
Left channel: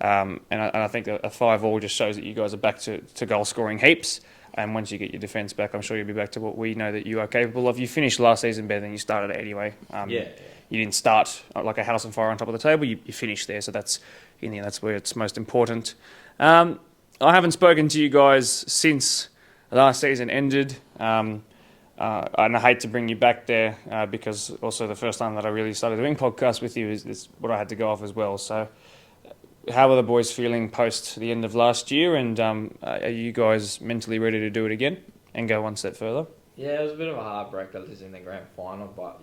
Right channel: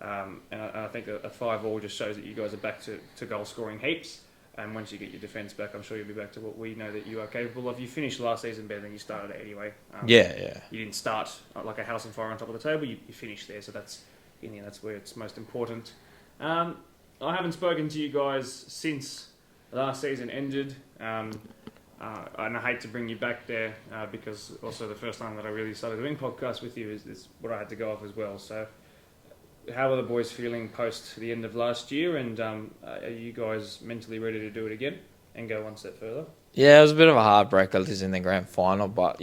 and I think a 5-5 just shows that you guys are back to goal scoring heaps. And once you get your defence back, I'm sure you'll be back to what we know that you are capable of. You finished last season better than you started anyway. Yeah. You didn't start like a house on fire on top of the table. You finished there, so that's where it's most important. I haven't spoken to you guys since last season ended, and I hate to bring you back there because also the first time that I really started doing podcasts with you is what I had to go off as well. So, how are the boys feeling post the end of last year, and are you guys mentally ready to do it again and go one step further? Yeah, it was a bit of a heartbreaker losing the grand final, but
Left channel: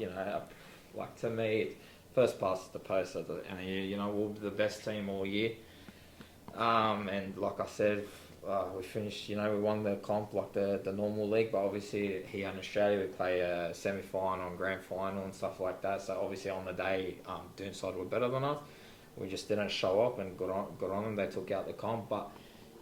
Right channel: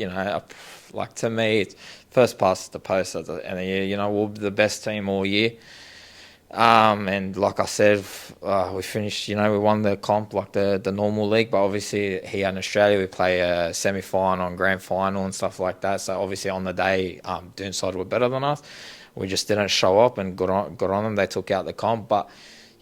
like to me, it's first past the post at the end of the year. We'll be the best team all year. And like I said, we finished. We won the comp like the normal league, but obviously here in Australia we play a semi-final and grand final and stuff like that. So obviously on the day, Doonside were better than us. We just didn't show up and got on them. They took out the comp, but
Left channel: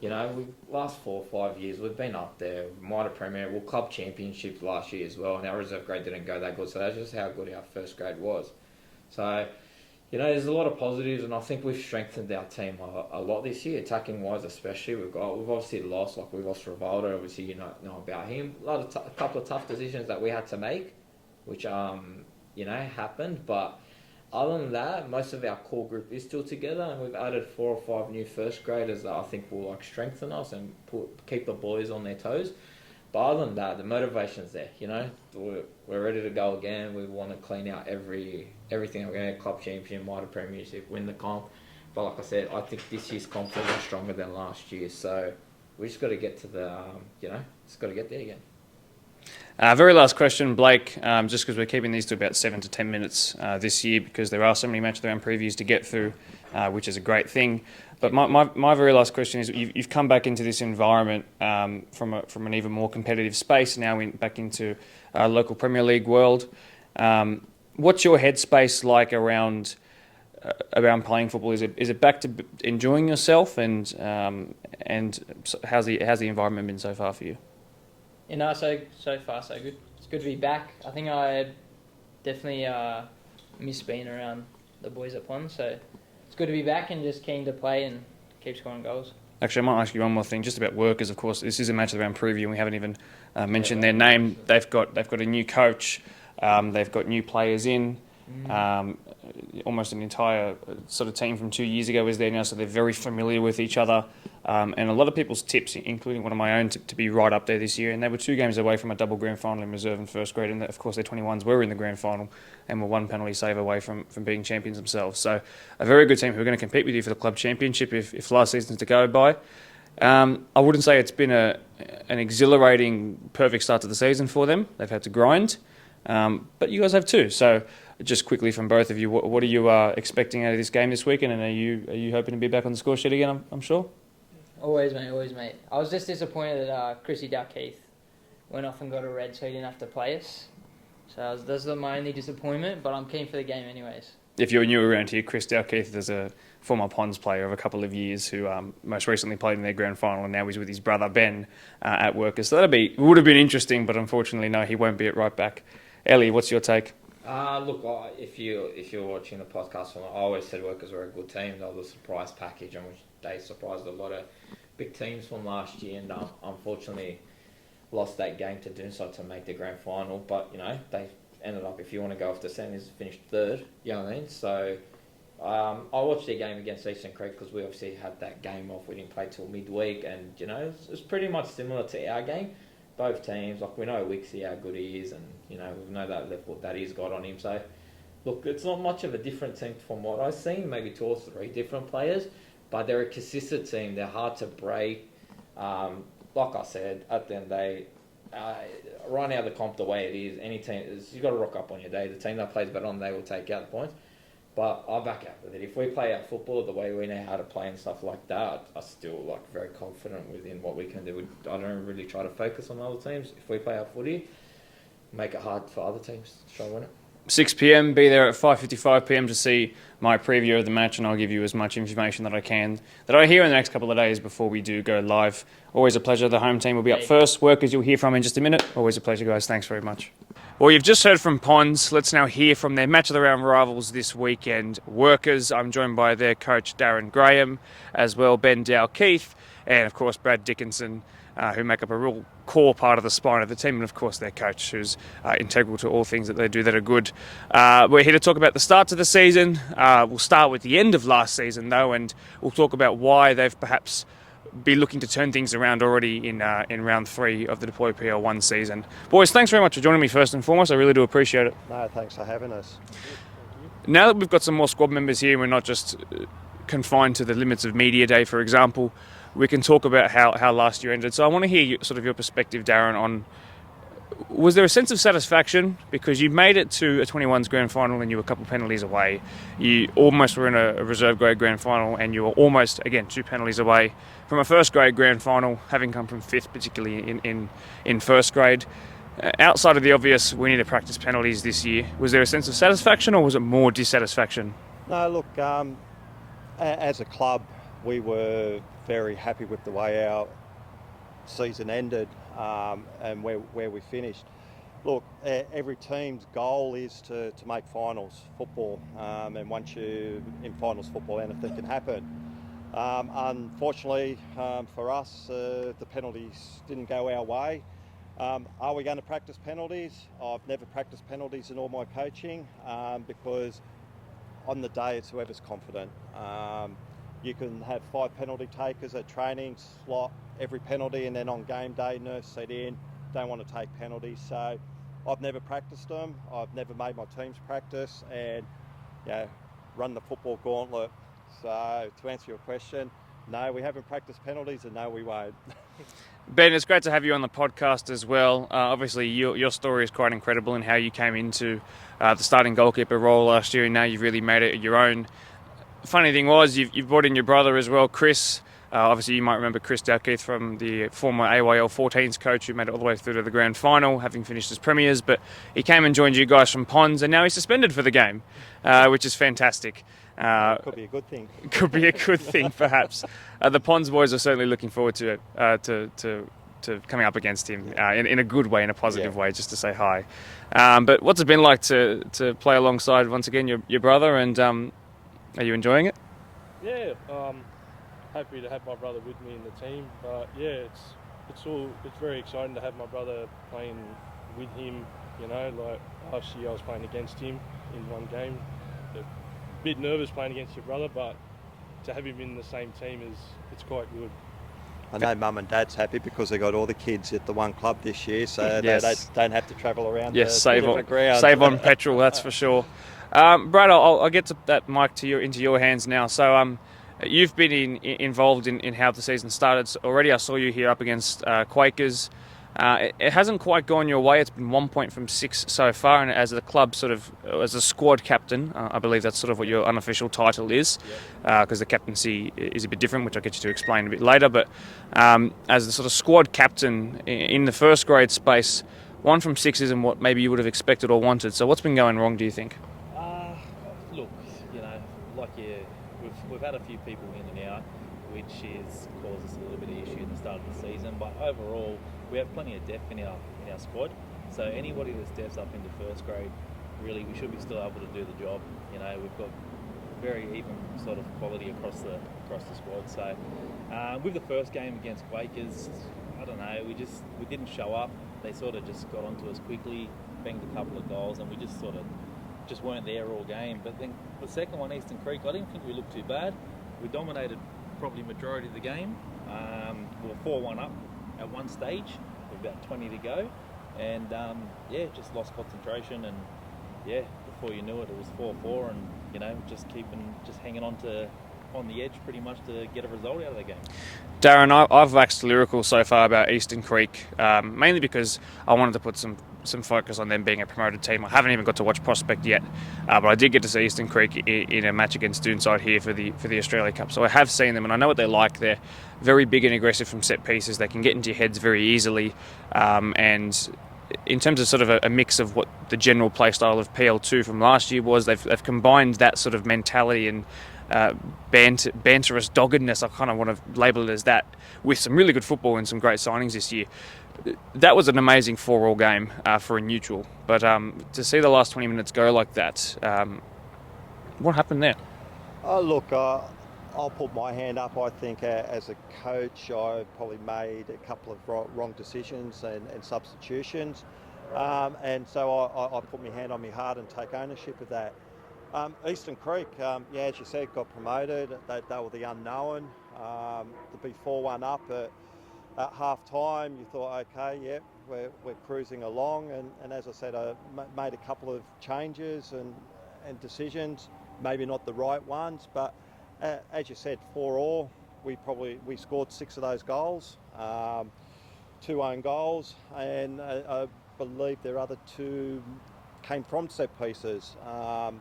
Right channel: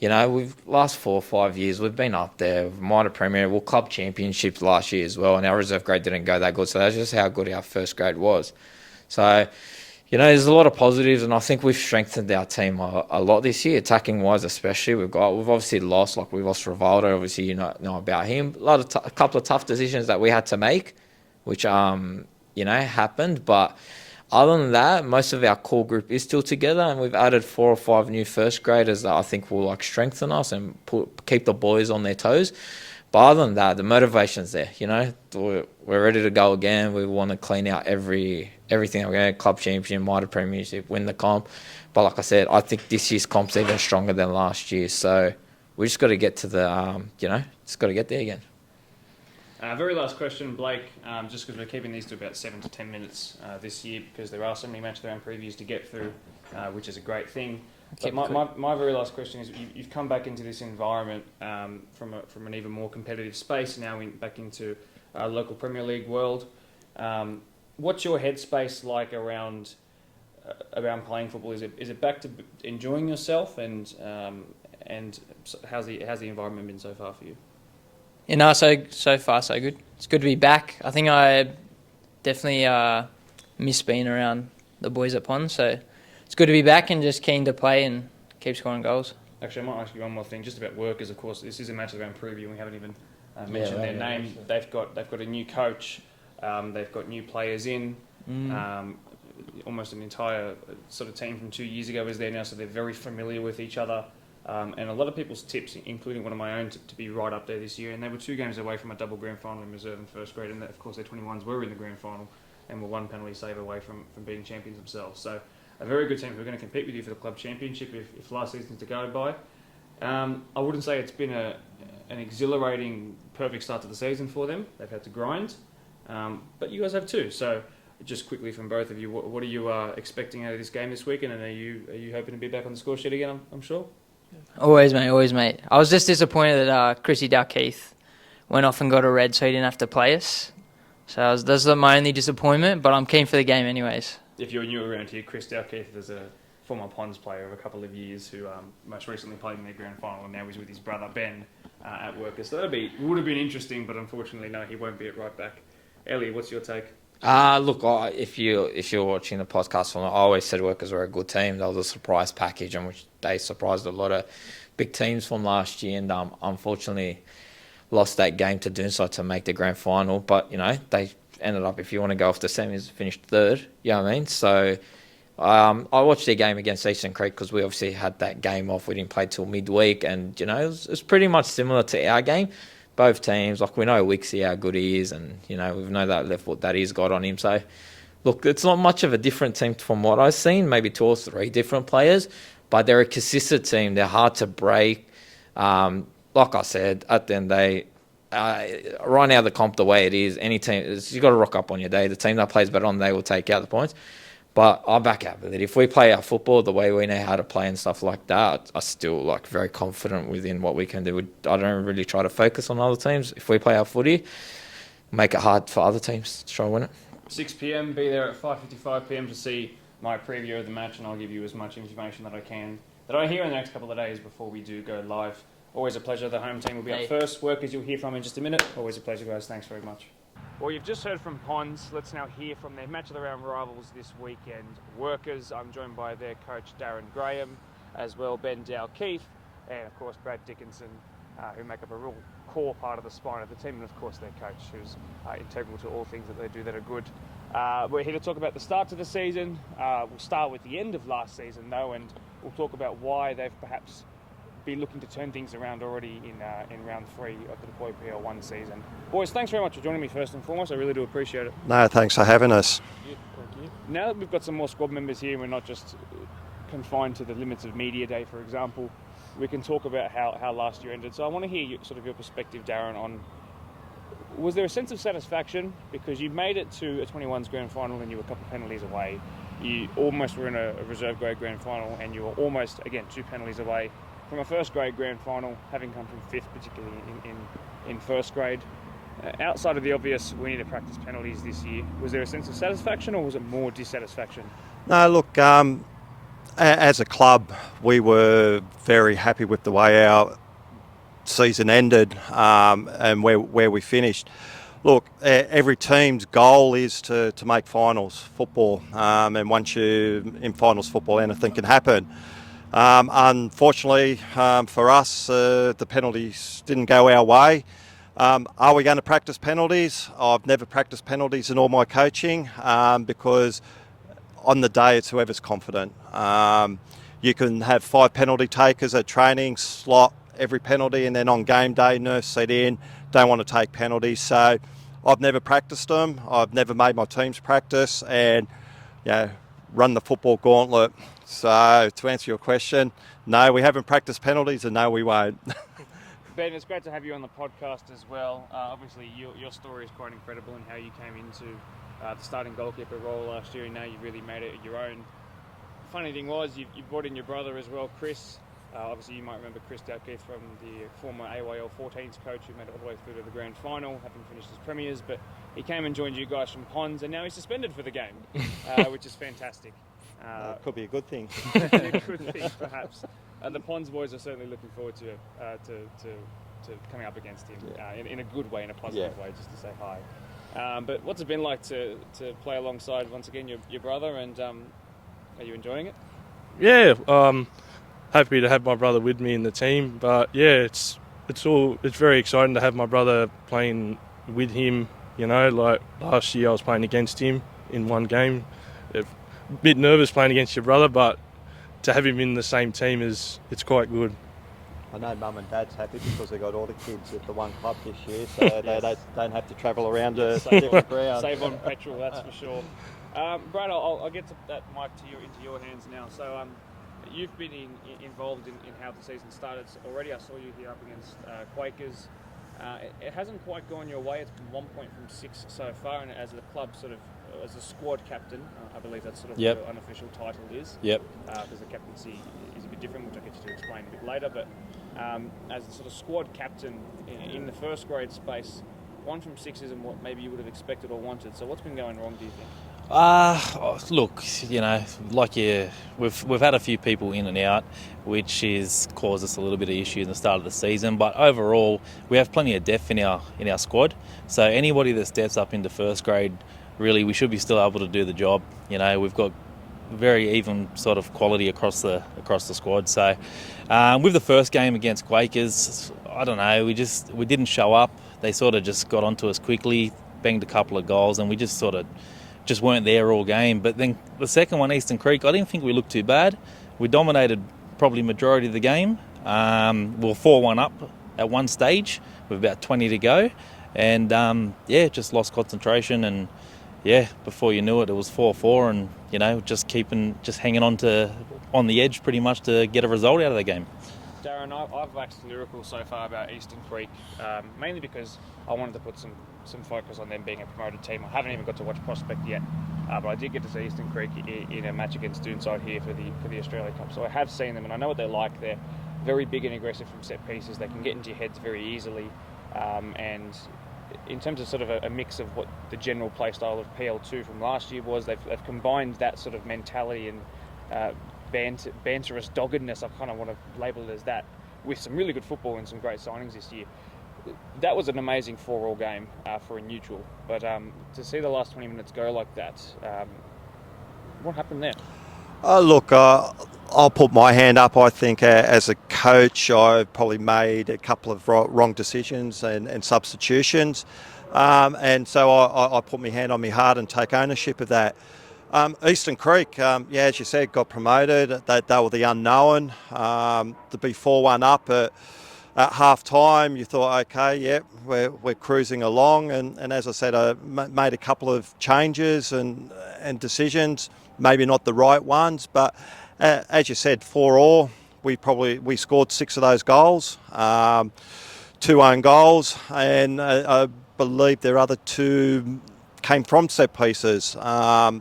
we've last 4 or 5 years we've been up there. Minor Premier, club championships last year as well, and our reserve grade didn't go that good. So that's just how good our first grade was. So there's a lot of positives, and I think we've strengthened our team a lot this year, attacking wise especially. We've obviously lost, we lost Rivaldo. Obviously know about him. A couple of tough decisions that we had to make, which happened, but. Other than that, most of our core group is still together, and we've added 4 or 5 new first graders that I think will strengthen us and keep the boys on their toes. But other than that, the motivation's there. We're ready to go again. We want to clean out everything. We're going to club championship, minor premiership, win the comp. But like I said, I think this year's comp's even stronger than last year. So we just got to get to the just got to get there again. Very last question, Blake, just because we're keeping these to about 7 to 10 minutes this year because there are so many match round previews to get through, which is a great thing. But my very last question is, you've come back into this environment from an even more competitive space, now back into local Premier League world. What's your headspace like around playing football? Is it back to enjoying yourself, and how's the environment been so far for you? So far so good. It's good to be back. I think I definitely miss being around the boys at Pond, so it's good to be back and just keen to play and keep scoring goals. Actually, I might ask you one more thing, just about workers. Of course, this is a match of the round preview, and we haven't even mentioned their name. They've got a new coach. They've got new players in. Almost an entire sort of team from 2 years ago is there now, so they're very familiar with each other. And a lot of people's tips, including one of my own, to be right up there this year. And they were 2 games away from a double grand final in reserve and first grade. And of course, their 21s were in the grand final and were 1 penalty save away from being champions themselves. So a very good team who are going to compete with you for the club championship if last season's to go by. I wouldn't say it's been an exhilarating, perfect start to the season for them. They've had to grind. But you guys have too. So just quickly from both of you, what are you expecting out of this game this weekend? And are you hoping to be back on the score sheet again, I'm sure? Always, mate. I was just disappointed that Chrissy Dalkeith went off and got a red, so he didn't have to play us. So that's my only disappointment, but I'm keen for the game anyways. If you're new around here, Chris Dalkeith is a former Ponds player of a couple of years who most recently played in their grand final, and now he's with his brother Ben at Workers. So would have been interesting, but unfortunately, no, he won't be at right back. Ellie, what's your take? Look, if you're watching the podcast, I always said Workers were a good team. That was a surprise package, in which they surprised a lot of big teams from last year, and unfortunately lost that game to Doonside to make the grand final. But they ended up, if you want to go off the semis, finished 3rd. You know what I mean? So I watched their game against Eastern Creek because we obviously had that game off. We didn't play till midweek, and it was pretty much similar to our game. Both teams, we know Wixie how good he is, and we know that left foot that he's got on him. So, look, it's not much of a different team from what I've seen. Maybe 2 or 3 different players, but they're a consistent team. They're hard to break. like I said, at the end of the day, right now the comp the way it is, any team, you got to rock up on your day. The team that plays better on the day will take out the points. But I back out with it. If we play our football the way we know how to play and stuff like that, I'm still like very confident within what we can do. I don't really try to focus on other teams. If we play our footy, make it hard for other teams to try and win it. 6 p.m, be there at 5:55 p.m. to see my preview of the match, and I'll give you as much information that I can that I hear in the next couple of days before we do go live. Always a pleasure. The home team will be up first. Workers you'll hear from in just a minute. Always a pleasure, guys. Thanks very much. Well, you've just heard from Ponds. Let's now hear from their match of the round rivals this weekend, Workers. I'm joined by their coach, Darren Graham, as well Ben Dow-Keith, and of course Brad Dickinson, who make up a real core part of the spine of the team, and of course their coach, who's integral to all things that they do that are good. We're here to talk about the start to the season. We'll start with the end of last season, though, and we'll talk about why they've perhaps be looking to turn things around already in round 3 of the Deploy PL1 season. Boys, thanks very much for joining me first and foremost. I really do appreciate it. No, thanks for having us. Now that we've got some more squad members here, we're not just confined to the limits of media day, for example, we can talk about how last year ended. So I want to hear sort of your perspective, Darren, on was there a sense of satisfaction? Because you made it to a 21s grand final and you were a couple penalties away. You almost were in a reserve grade grand final and you were almost, again, 2 penalties away from a first grade grand final, having come from 5th, particularly in first grade. Outside of the obvious, we need to practice penalties this year. Was there a sense of satisfaction or was it more dissatisfaction? No, look, as a club, we were very happy with the way our season ended and where we finished. Look, every team's goal is to make finals football, and once you're in finals football, anything can happen. Unfortunately for us, the penalties didn't go our way. Are we going to practice penalties? I've never practiced penalties in all my coaching because on the day it's whoever's confident. You can have 5 penalty takers at training, slot every penalty, and then on game day, nurse set in, don't want to take penalties. So I've never practiced them. I've never made my teams practice and run the football gauntlet. So to answer your question, no, we haven't practiced penalties and no, we won't. Ben, it's great to have you on the podcast as well. Obviously, your story is quite incredible in how you came into the starting goalkeeper role last year and now you've really made it your own. Funny thing was, you've brought in your brother as well, Chris. Obviously, you might remember Chris Dow-Keith from the former AYL 14s coach who made it all the way through to the grand final, having finished as premiers. But he came and joined you guys from Ponds, and now he's suspended for the game, which is fantastic. Could be a good thing. Could be a good thing, perhaps. The Ponds boys are certainly looking forward to coming up against him in a good way, in a positive way, just to say hi. But what's it been like to play alongside, once again, your brother, and are you enjoying it? Yeah, happy to have my brother with me in the team, but yeah, it's very exciting to have my brother playing with him. You know, like last year I was playing against him in one game. A bit nervous playing against your brother, but to have him in the same team it's quite good. I know Mum and Dad's happy because they got all the kids at the one club this year, so Yes. they don't have to travel around Save the ground. Save on petrol, that's for sure. Brad, I'll get that mic into your hands now. So you've been involved in how the season started already. I saw you here up against Quakers. It hasn't quite gone your way. It's been 1 point from 6 so far, and as the club as a squad captain, I believe that's sort of what your unofficial title is. Yep. Because the captaincy is a bit different, which I'll get you to explain a bit later. But as the sort of squad captain in the first grade space, 1 from 6 isn't what maybe you would have expected or wanted. So what's been going wrong, do you think? Look, you know, we've had a few people in and out, which is caused us a little bit of issue in the start of the season. But overall, we have plenty of depth in our squad. So anybody that steps up into first grade, really, we should be still able to do the job. You know, we've got very even sort of quality across the squad. So with the first game against Quakers, I don't know, we didn't show up. They sort of just got onto us quickly, banged a couple of goals, and we just weren't there all game. But then the second one, Eastern Creek, I didn't think we looked too bad. We dominated probably majority of the game. We were 4-1 up at one stage with about 20 to go. And just lost concentration. And before you knew it, it was 4-4 and, you know, just hanging on the edge pretty much to get a result out of the game. Darren, I've waxed lyrical so far about Eastern Creek, mainly because I wanted to put some focus on them being a promoted team. I haven't even got to watch Prospect yet, but I did get to see Eastern Creek in a match against Doonside here for the Australia Cup. So I have seen them, and I know what they're like. They're very big and aggressive from set pieces. They can get into your heads very easily, and in terms of sort of a mix of what the general play style of PL2 from last year was, they've combined that sort of mentality and banterous doggedness, I kind of want to label it as that, with some really good football and some great signings this year. That was an amazing 4-4 game for a neutral, but to see the last 20 minutes go like that, what happened there? Look, I'll put my hand up. I think as a coach, I've probably made a couple of wrong decisions and substitutions, and so I put my hand on my heart and take ownership of that. Eastern Creek, as you said, got promoted. They were the unknown. To be 4-1 up at half time, you thought, okay, we're cruising along. And as I said, I made a couple of changes and decisions, maybe not the right ones, but as you said, 4-4, we scored 6 of those goals, 2 own goals, and I believe their other 2 came from set pieces.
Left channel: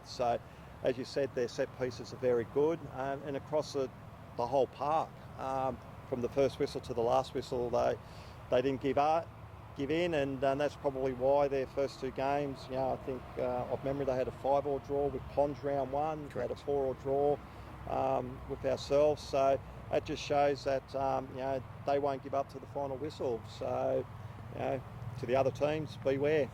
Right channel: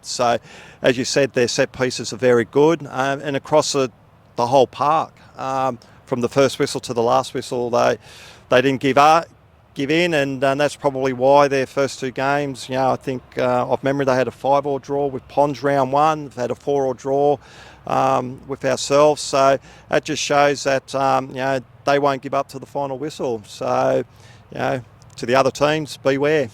So, as you said, their set pieces are very good, and across the whole park, from the first whistle to the last whistle, they didn't give in, and that's probably why their first 2 games, I think off memory they had a 5-5 draw with Ponds round 1, they've had a 4-4 draw with ourselves, so that just shows that they won't give up to the final whistle. So, to the other teams, beware.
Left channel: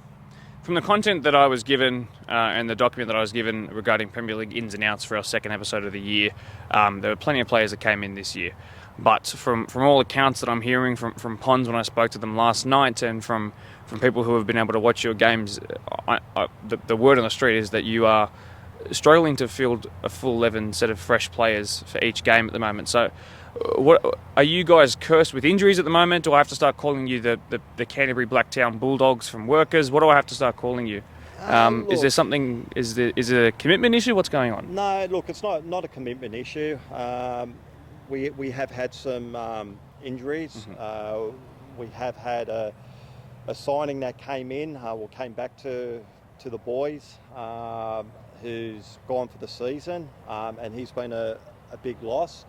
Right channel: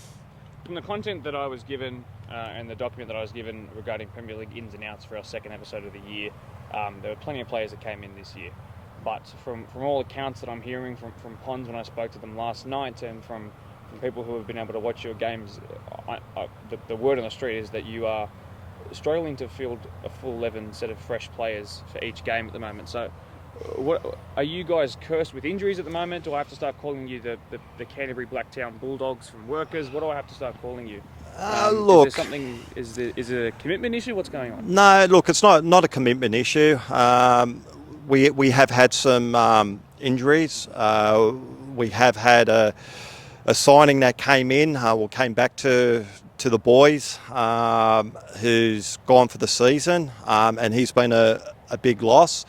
From the content that I was given and the document that I was given regarding Premier League ins and outs for our second episode of the year, there were plenty of players that came in this year. But from all accounts that I'm hearing from Ponds when I spoke to them last night, and from people who have been able to watch your games, the word on the street is that you are struggling to field a full 11 set of fresh players for each game at the moment. So what are you guys cursed with injuries at the moment? Do I have to start calling you the Canterbury Blacktown Bulldogs from Workers? What do I have to start calling you? Look, is there something? Is it a commitment issue? What's going on? No, look, it's not a commitment issue. We have had some injuries. We have had a signing that came in, came back to the boys, who's gone for the season, and he's been a big loss.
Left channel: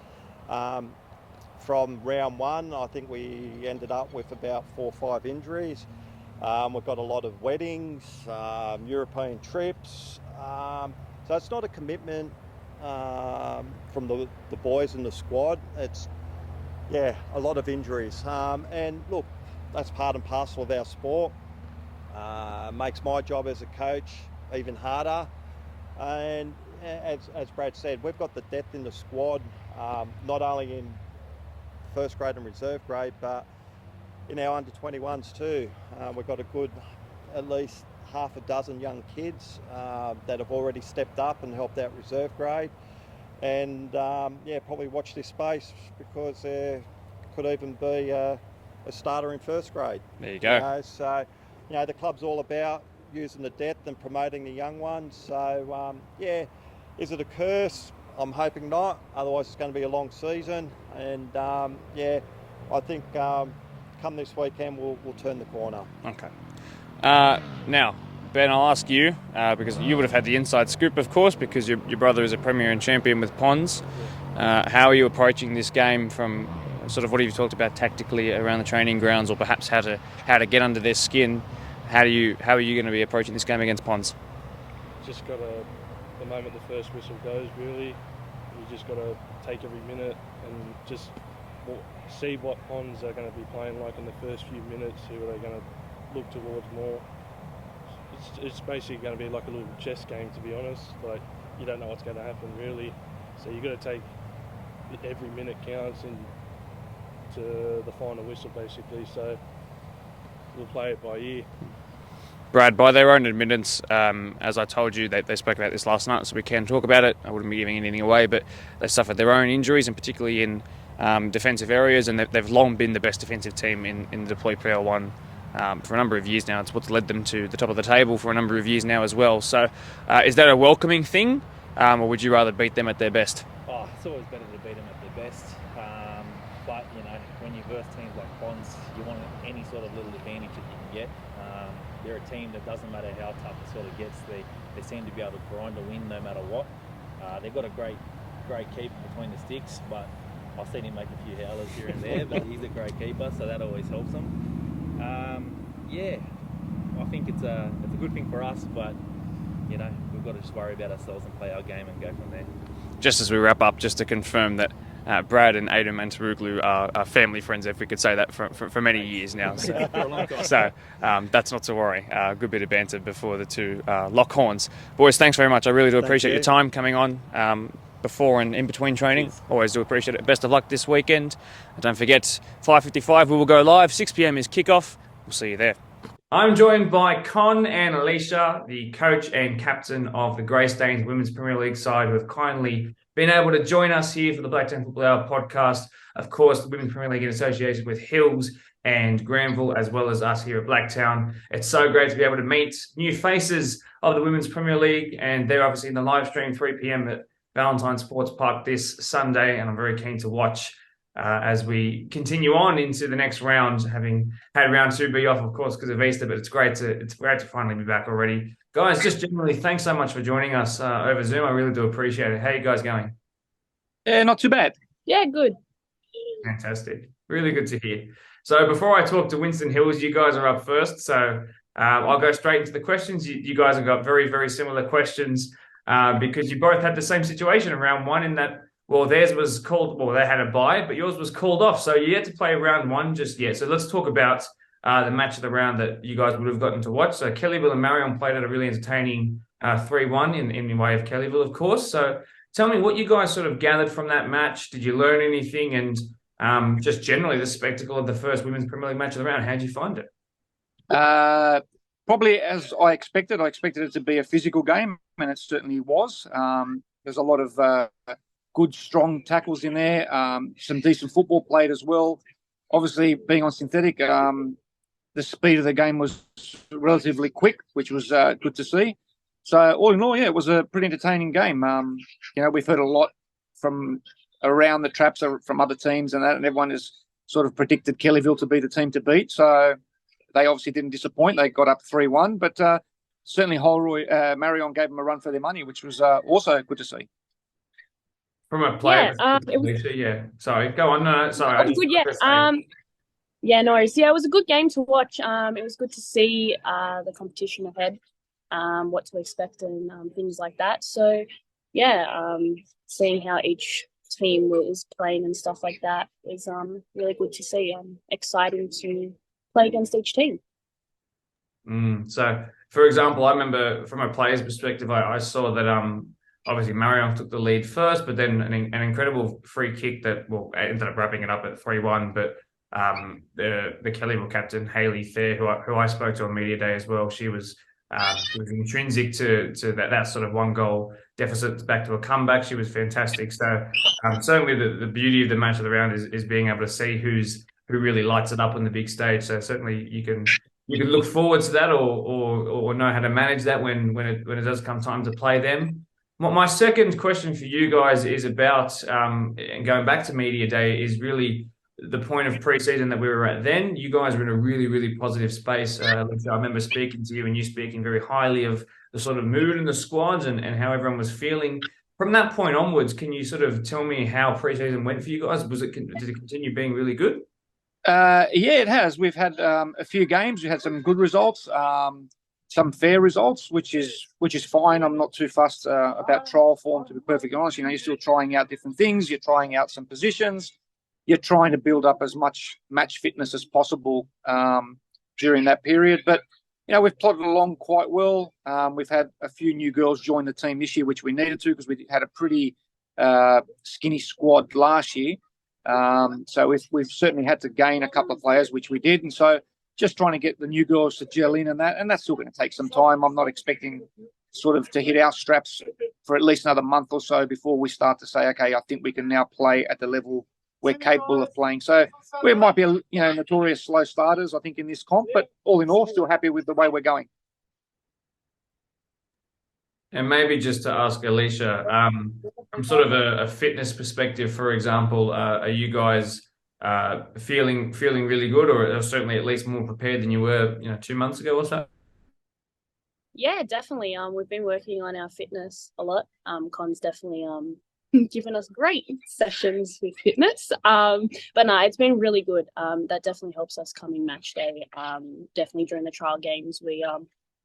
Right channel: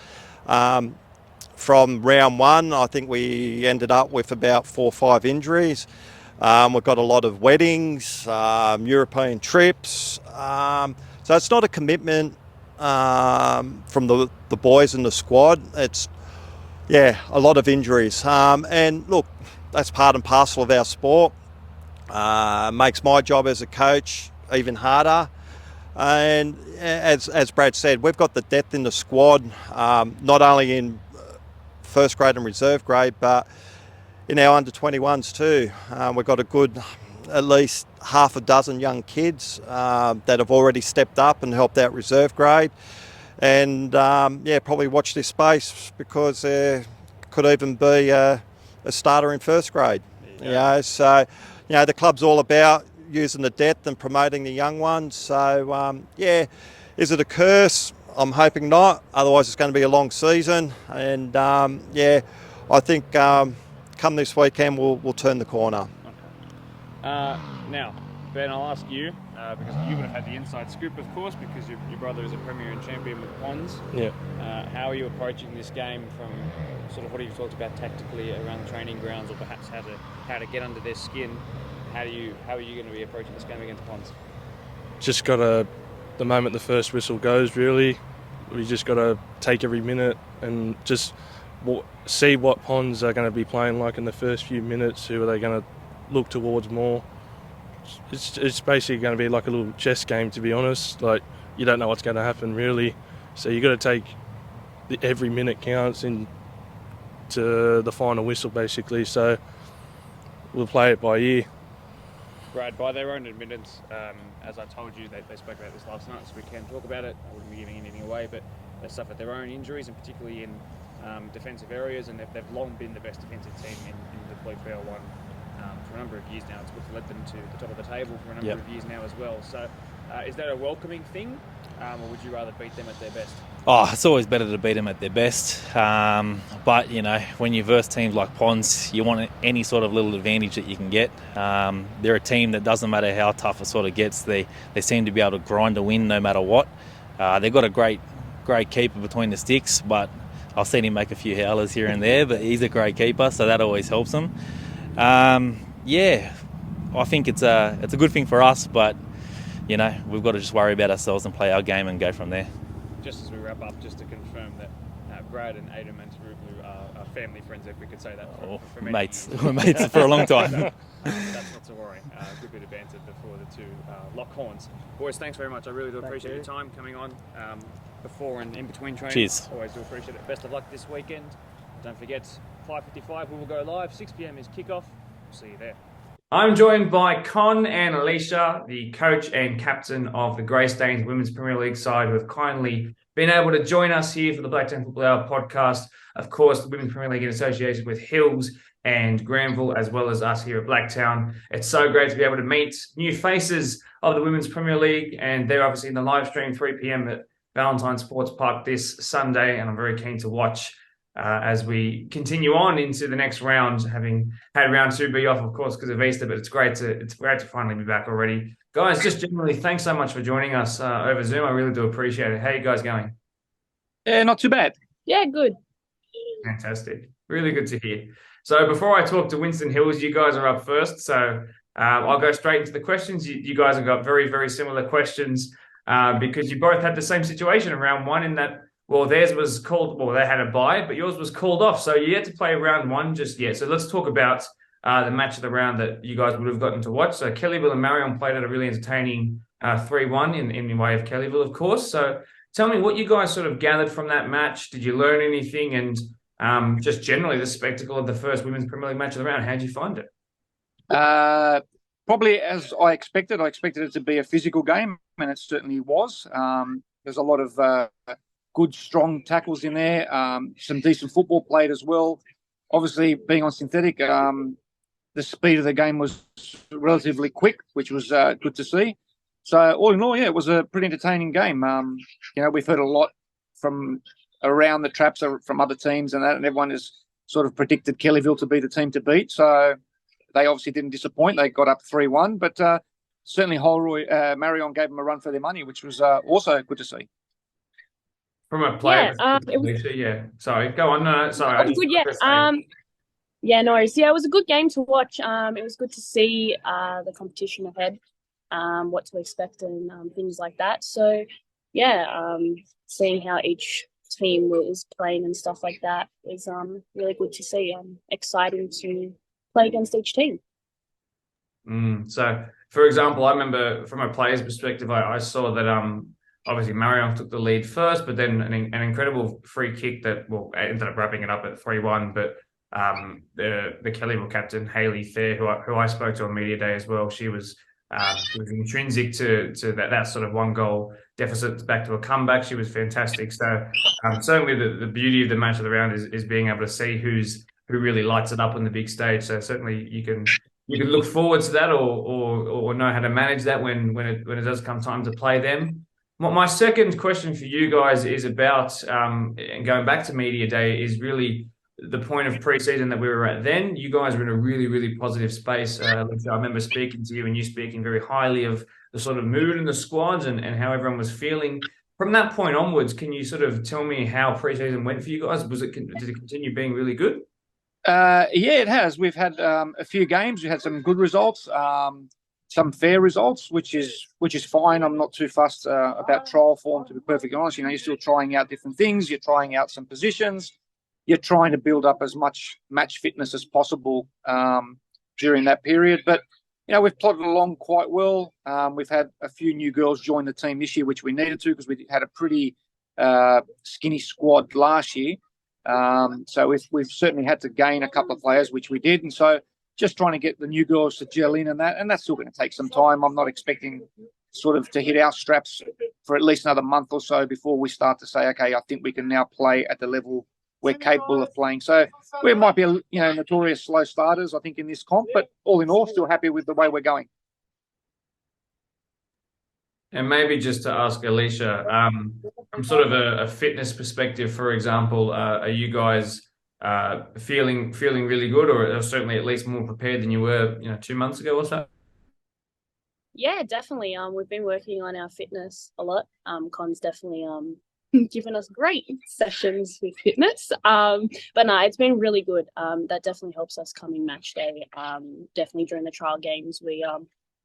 From round 1, I think we ended up with about 4 or 5 injuries. We've got a lot of weddings, European trips. So it's not a commitment from the boys in the squad. It's, a lot of injuries. And look, that's part and parcel of our sport. Makes my job as a coach even harder. And as Brad said, we've got the depth in the squad, not only in first grade and reserve grade, but in our under-21s too. We've got a good, at least half a dozen young kids that have already stepped up and helped out reserve grade. And probably watch this space, because there could even be a starter in first grade. There you go. So, the club's all about using the depth and promoting the young ones. So, is it a curse? I'm hoping not. Otherwise, it's going to be a long season. And, I think come this weekend, we'll turn the corner. Okay. Now, Ben, I'll ask you, because you would have had the inside scoop, of course, because your brother is a Premier and champion with Ponds. Yeah. How are you approaching this game from sort of what you've talked about tactically around the training grounds, or perhaps how to get under their skin? How are you going to be approaching this game against Ponds? Just got to, the moment the first whistle goes, really, we just got to take every minute and just see what Ponds are going to be playing like in the first few minutes, who are they going to look towards more. It's basically going to be like a little chess game, to be honest. Like, you don't know what's going to happen, really. So you got to take every minute counts into the final whistle, basically. So we'll play it by ear. Brad, by their own admittance, as I told you, they spoke about this last night, so we can talk about it. I wouldn't be giving anything away, but they suffered their own injuries, and particularly in defensive areas, and they've long been the best defensive team in the deployed PL1 for a number of years now. It's what's led them to the top of the table for a number of years now as well. So is that a welcoming thing, or would you rather beat them at their best? Oh, it's always better to beat them at their best. But, when you verse teams like Ponds, you want any sort of little advantage that you can get. They're a team that doesn't matter how tough it sort of gets, they seem to be able to grind a win no matter what. They've got a great keeper between the sticks, but I've seen him make a few howlers here and there, but he's a great keeper, so that always helps them. I think it's a good thing for us, but, we've got to just worry about ourselves and play our game and go from there. Just as we wrap up, just to confirm that Brad and Adam and Taruglu are family friends, if we could say that, for many years now. Mates for a long time. So that's not to worry. Good bit of banter before the two lock horns. Boys, thanks very much. I really do appreciate your time coming on before and in between training. Cheers. Always do appreciate it. Best of luck this weekend. And don't forget, 5:55 we will go live. 6 p.m. is kickoff. We'll see you there. I'm joined by Con and Alicia, the coach and captain of the Greystanes Women's Premier League side, who have kindly been able to join us here for the Blacktown Football Hour podcast. Of course, the Women's Premier League in association with Hills and Granville, as well as us here at Blacktown. It's so great to be able to meet new faces of the Women's Premier League, and they're obviously in the live stream 3 p.m. at Valentine Sports Park this Sunday, and I'm very keen to watch as we continue on into the next round, having had round 2 be off, of course, because of Easter, but it's great to finally be back already. Guys, just generally, thanks so much for joining us over Zoom. I really do appreciate it. How are you guys going? Yeah, not too bad. Yeah, good. Fantastic. Really good to hear. So before I talk to Winston Hills, you guys are up first. So I'll go straight into the questions. You guys have got very, very similar questions because you both had the same situation in round one in that, well, theirs was called, well, they had a bye, but yours was called off. So you had to play round one just yet. So let's talk about the match of the round that you guys would have gotten to watch. So Kellyville and Marion played at a really entertaining 3-1 in the way of Kellyville, of course. So tell me what you guys sort of gathered from that match. Did you learn anything? And just generally the spectacle of the first Women's Premier League match of the round, how did you find it? Probably as I expected. I expected it to be a physical game, and it certainly was. There's a lot of good, strong tackles in there, some decent football played as well. Obviously, being on synthetic, the speed of the game was relatively quick, which was good to see. So all in all, yeah, it was a pretty entertaining game. We've heard a lot from around the traps from other teams and that, and everyone has sort of predicted Kellyville to be the team to beat. So they obviously didn't disappoint. They got up 3-1, but certainly Marion gave them a run for their money, which was also good to see. From a player perspective, yeah. Sorry, go on. No, sorry. It was good, yeah. Yeah, no worries. Yeah, it was a good game to watch. It was good to see the competition ahead, what to expect and things like that. So, yeah, seeing how each team was playing and stuff like that was really good to see. Exciting to play against each team. So, for example, I remember from a player's perspective, I saw that obviously Marion took the lead first, but then an incredible free kick that ended up wrapping it up at 3-1. But the Kellyville captain Hayley Fair, who I spoke to on media day as well, she was intrinsic to that sort of 1-goal deficit back to a comeback. She was fantastic. So certainly the beauty of the match of the round is being able to see who really lights it up on the big stage. So certainly you can look forward to that or know how to manage that when it does come time to play them. My second question for you guys is about, and going back to media day, is really the point of pre-season that we were at then. You guys were in a really, really positive space. I remember speaking to you and you speaking very highly of the sort of mood in the squads and how everyone was feeling. From that point onwards, can you sort of tell me how pre-season went for you guys? Did it continue being really good? Yeah, it has. We've had a few games. We had some good results, some fair results, which is fine. I'm not too fussed about trial form, to be perfectly honest. You're still trying out different things. You're trying out some positions. You're trying to build up as much match fitness as possible during that period. But, we've plodded along quite well. We've had a few new girls join the team this year, which we needed to because we had a pretty skinny squad last year. So we've certainly had to gain a couple of players, which we did. And so just trying to get the new girls to gel in and that's still going to take some time. I'm not expecting sort of to hit our straps for at least another month or so before we start to say, okay, I think we can now play at the level we're capable of playing. So we might be, notorious slow starters, I think, in this comp, but all in all, still happy with the way we're going. And maybe just to ask Alicia, from sort of a fitness perspective, for example, are you guys feeling really good, or certainly at least more prepared than you were, 2 months ago or so? Yeah, definitely. We've been working on our fitness a lot. Con's definitely given us great sessions with fitness. But no, it's been really good. That definitely helps us coming match day. Definitely during the trial games, we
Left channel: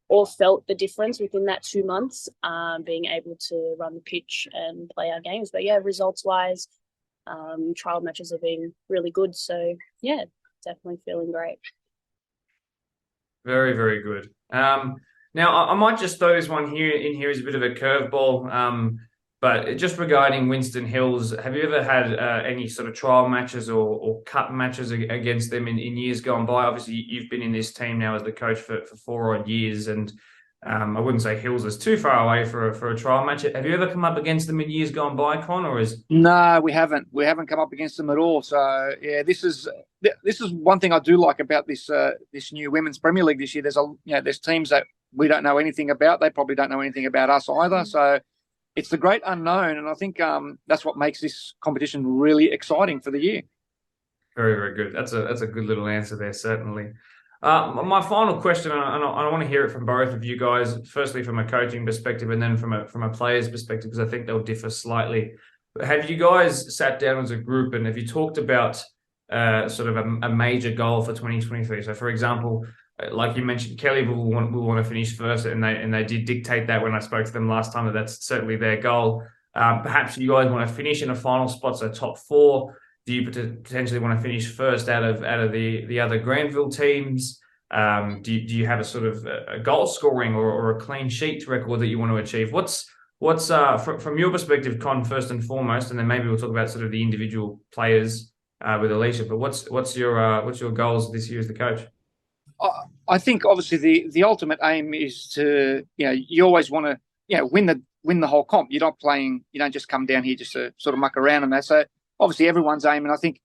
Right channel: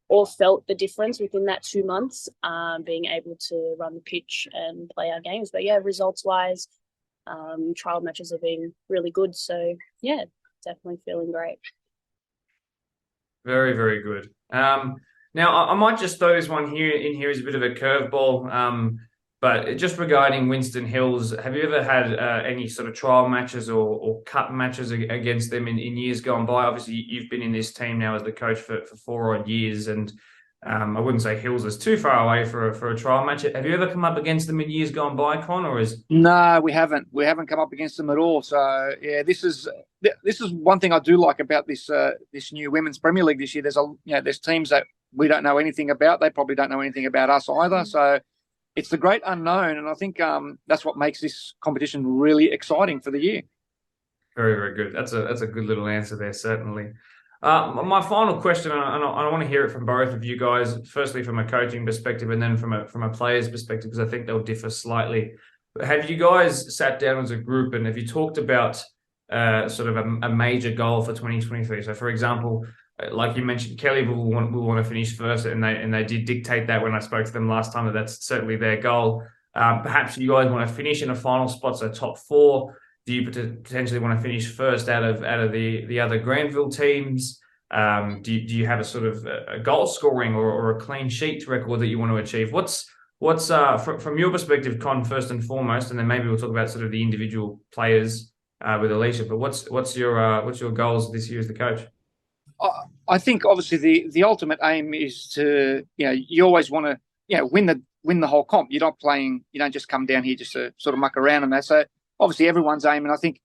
all felt the difference within that 2 months, being able to run the pitch and play our games. But yeah, results wise, trial matches have been really good. So yeah, definitely feeling great. Very, very good. Now, I might just throw this one here as a bit of a curveball. But just regarding Winston Hills, have you ever had any sort of trial matches or cup matches against them in years gone by? Obviously, you've been in this team now as the coach for 4 odd years, and I wouldn't say Hills is too far away for a trial match. Have you ever come up against them in years gone by, Con, or is? No, we haven't. We haven't come up against them at all. So yeah, this is one thing I do like about this new Women's Premier League this year. There's teams that we don't know anything about. They probably don't know anything about us either. So it's the great unknown, and I think that's what makes this competition really exciting for the year. Very, very good. That's a good little answer there, certainly. My final question, and I want to hear it from both of you guys. Firstly, from a coaching perspective, and then from a player's perspective, because I think they'll differ slightly. Have you guys sat down as a group and have you talked about sort of a major goal for 2023? So, for example, like you mentioned, Kelly will want to finish first, and they did dictate that when I spoke to them last time, that that's certainly their goal. Perhaps you guys want to finish in a final spot, so top four. Do you potentially want to finish first out of the other Granville teams? Do you have a sort of a goal scoring or a clean sheet record that you want to achieve? What's from your perspective, Con, first and foremost, and then maybe we'll talk about sort of the individual players with Alicia. But what's your goals this year as the coach? I think obviously the ultimate aim is to, you always want to, win the whole comp. You don't just come down here just to sort of muck around and that. So obviously everyone's aim, and I think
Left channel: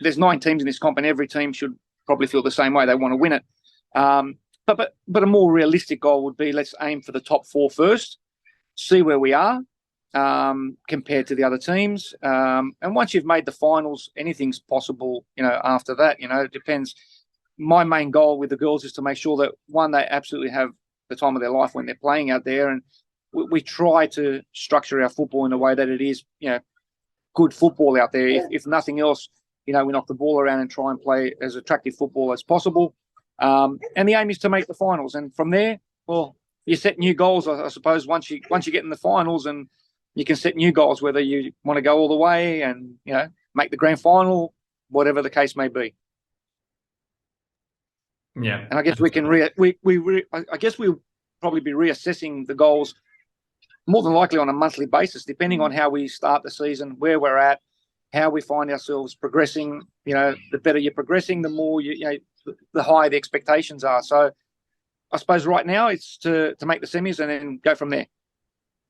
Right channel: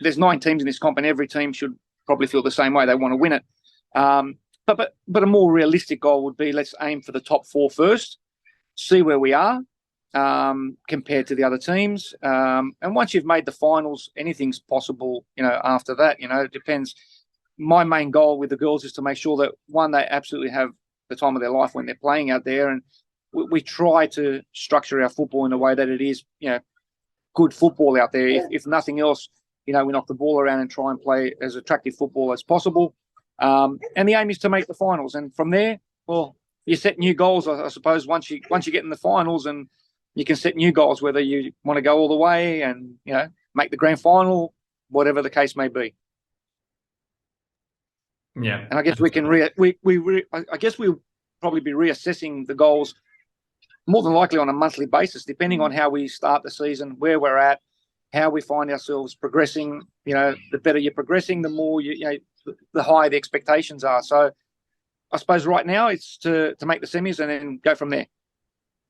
there's 9 teams in this comp, and every team should probably feel the same way. They want to win it. But a more realistic goal would be, let's aim for the top 4 first, see where we are compared to the other teams. And once you've made the finals, anything's possible, after that. It depends. My main goal with the girls is to make sure that, one, they absolutely have the time of their life when they're playing out there. And we try to structure our football in a way that it is, good football out there. If nothing else, we knock the ball around and try and play as attractive football as possible. And the aim is to make the finals. And from there, well, you set new goals, I suppose, once you get in the finals, and you can set new goals, whether you want to go all the way and, make the grand final, whatever the case may be. Yeah. And I guess we can I guess we'll probably be reassessing the goals more than likely on a monthly basis, depending on how we start the season, where we're at, how we find ourselves progressing. The better you're progressing, the more the higher the expectations are. So I suppose right now it's to make the semis and then go from there.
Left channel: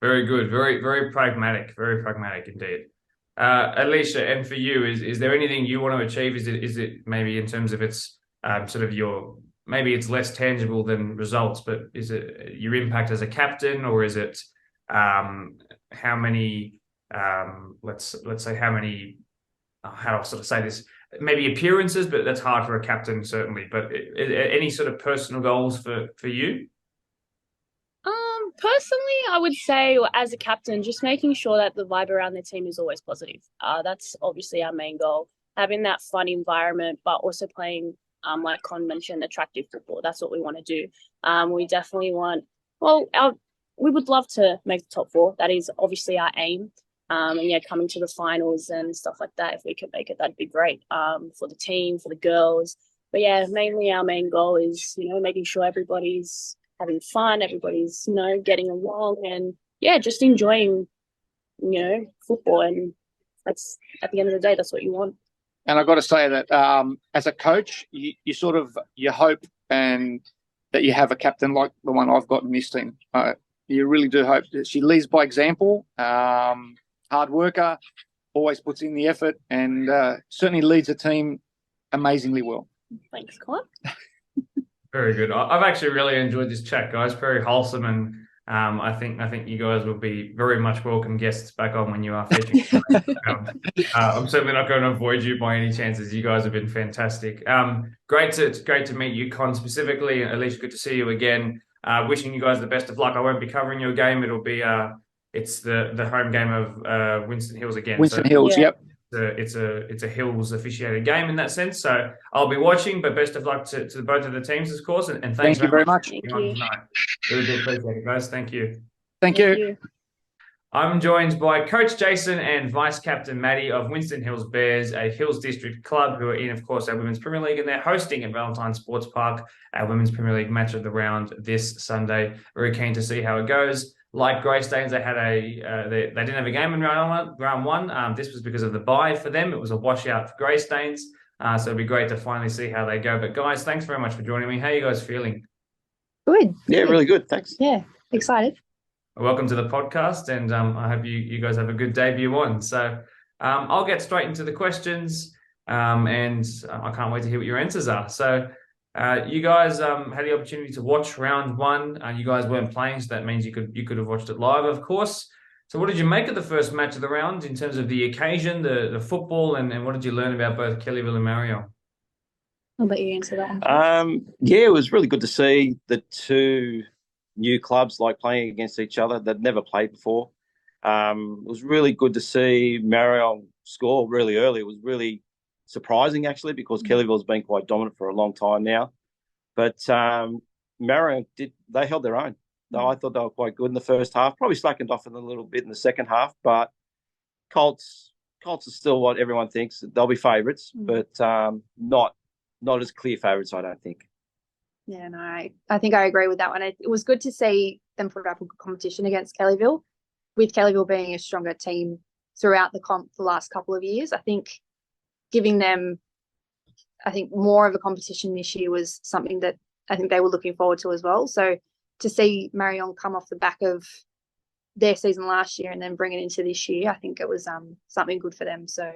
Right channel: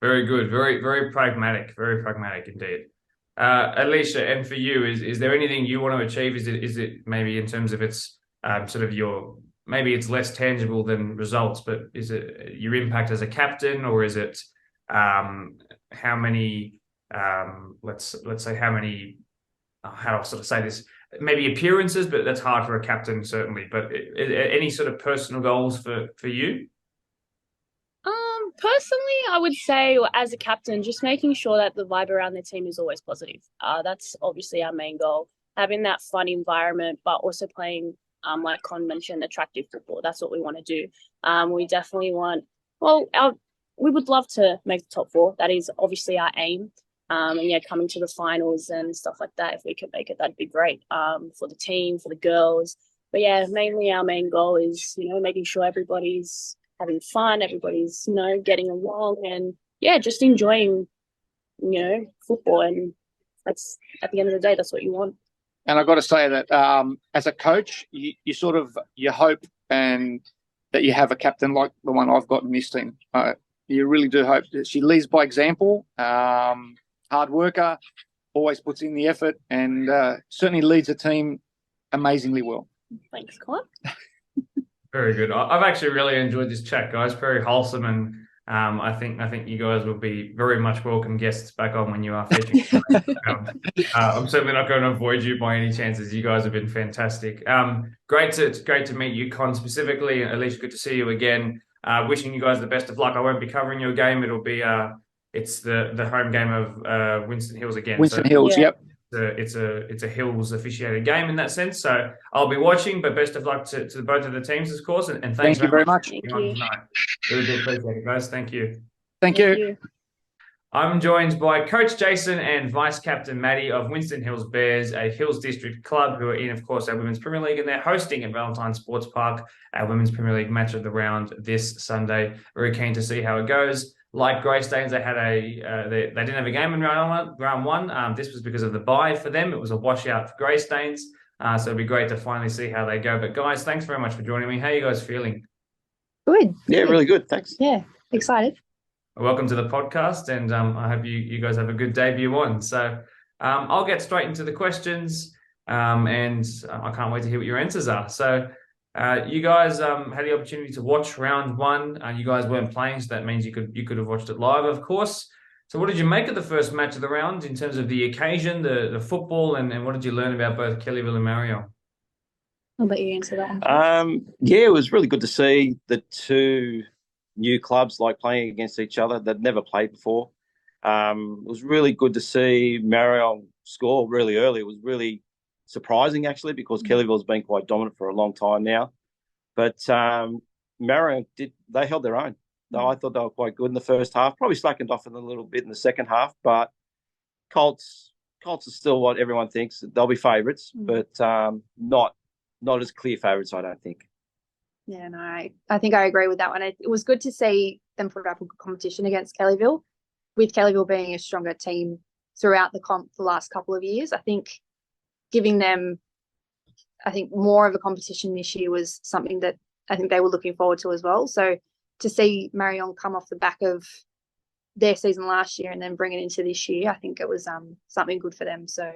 Very good. Very, very pragmatic. Very pragmatic indeed. Alicia, and for you, is there anything you want to achieve? Is it maybe in terms of its sort of maybe it's less tangible than results, but is it your impact as a captain, or is it how many let's say how many how do I sort of say this, maybe appearances, but that's hard for a captain certainly, but any sort of personal goals for you? Personally, I would say, as a captain, just making sure that the vibe around the team is always positive. That's obviously our main goal, having that fun environment, but also playing, like Con mentioned, attractive football. That's what we want to do. We definitely want, we would love to make the top 4. That is obviously our aim. And coming to the finals and stuff like that, if we could make it, that'd be great for the team, for the girls. But yeah, mainly our main goal is, making sure everybody's having fun, everybody's, getting along, and just enjoying, football. And that's, at the end of the day, that's what you want. And I've got to say that as a coach, you hope and that you have a captain like the one I've got in this team. You really do hope that she leads by example, hard worker, always puts in the effort, and certainly leads a team amazingly well. Thanks, Con. Very good. I've actually really enjoyed this chat, guys. Very wholesome, and I think you guys will be very much welcome guests back on when you are featuring. I'm certainly not going to avoid you by any chances. You guys have been fantastic. Great to meet you, Con, specifically. Alicia, good to see you again. Wishing you guys the best of luck. I won't be covering your game. It'll be it's the home game of Winston Hills again. Winston Hills, yep. It's a Hills officiated game in that sense. So I'll be watching, but best of luck to both of the teams, of course. And thanks Thank you very much. Thank you. tonight. Really do appreciate it, guys. Thank you. Thank you. I'm joined by Coach Jason and Vice Captain Maddie of Winston Hills Bears, a Hills District club who are in, of course, our Women's Premier League, and they're hosting at Valentine Sports Park our Women's Premier League match of the round this Sunday. Very keen to see how it goes. Like Greystanes, they had they didn't have a game in round one. This was because of the bye for them. It was a washout for Greystanes. So it'd be great to finally see how they go. But guys, thanks very much for joining me. How are you guys feeling? Good. Yeah, really good. Thanks. Yeah, excited. Welcome to the podcast, and I hope you guys have a good debut on. So I'll get straight into the questions, and I can't wait to hear what your answers are. So you guys had the opportunity to watch round one. You guys weren't playing, so that means you could have watched it live, of course. So what did you make of the first match of the round in terms of the occasion, the football, and what did you learn about both Kellyville and Mario? I'll let you answer that one. Yeah, it was really good to see the two new clubs playing against each other that never played before. It was really good to see Marion score really early. It was really surprising, actually, because Kellyville's been quite dominant for a long time now. But Marion they held their own. I thought they were quite good in the first half. Probably slackened off a little bit in the second half, but Colts are still what everyone thinks. They'll be favourites, but not as clear favourites, I don't think. Yeah, no, I think I agree with that one. It was good to see them put up a good competition against Kellyville, with Kellyville being a stronger team throughout the comp the last couple of years. I think giving them, more of a competition this year was something that I think they were looking forward to as well. So to see Marion come off the back of their season last year and then bring it into this year, I think it was something good for them. So,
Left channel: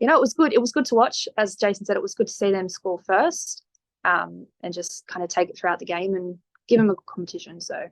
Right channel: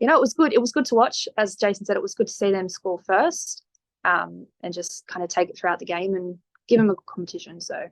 it was good. It was good to watch. As Jason said, it was good to see them score first. And just kind of take it throughout the game and give them a good competition. So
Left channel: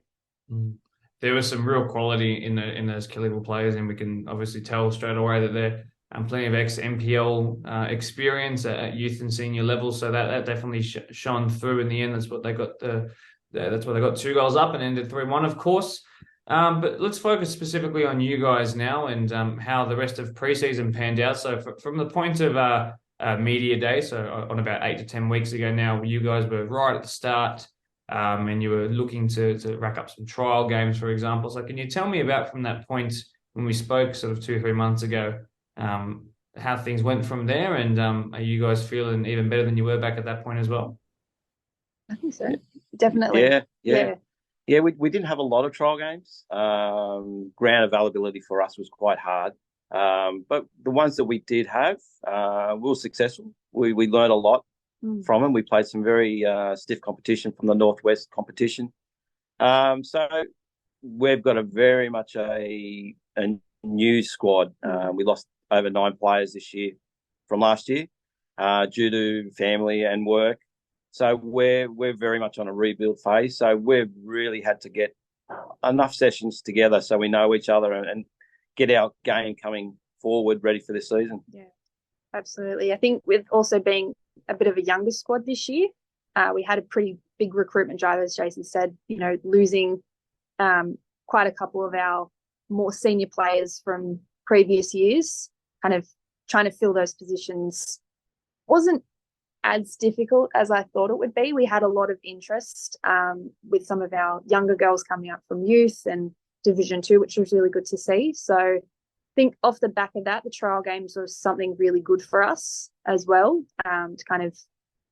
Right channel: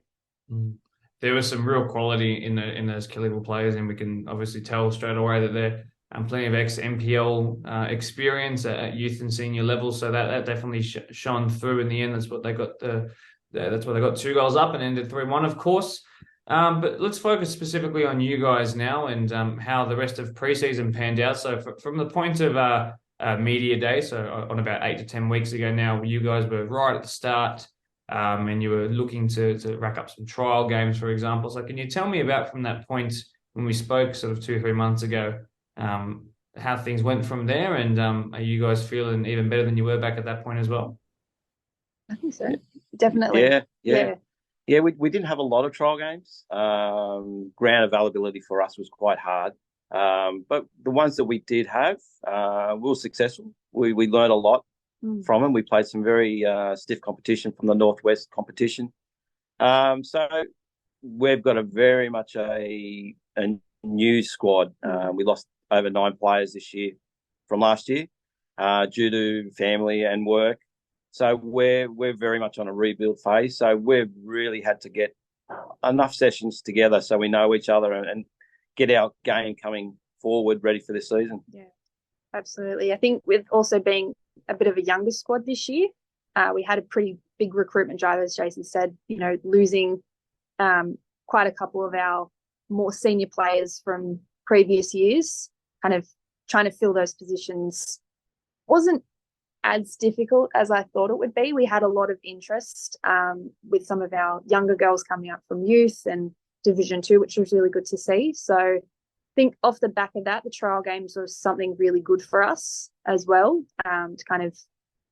there was some real quality in those Kellyville players, and we can obviously tell straight away that they're plenty of ex-MPL experience at youth and senior level. So that definitely shone through in the end. That's what they got. That's why they got 2 goals up and ended 3-1, of course. But let's focus specifically on you guys now and how the rest of preseason panned out. So from the point of media day, so on about 8 to 10 weeks ago now, you guys were right at the start and you were looking to rack up some trial games, for example. So can you tell me about from that point when we spoke sort of 2-3 months ago, how things went from there, and are you guys feeling even better than you were back at that point as well? I think so. Definitely. Yeah, we didn't have a lot of trial games. Ground availability for us was quite hard. But the ones that we did have, we were successful. We learned a lot from them. We played some very stiff competition from the Northwest competition. So we've got a very much a new squad. We lost over 9 players this year from last year due to family and work. So we're very much on a rebuild phase. So we've really had to get enough sessions together so we know each other and get our game coming forward ready for this season. Yeah, absolutely. I think with also being a bit of a younger squad this year, we had a pretty big recruitment drive, as Jason said, losing quite a couple of our more senior players from previous years, kind of trying to fill those positions wasn't as difficult as I thought it would be. We had a lot of interest with some of our younger girls coming up from youth and Division 2, which was really good to see. So I think off the back of that, the trial games was something really good for us as well, to kind of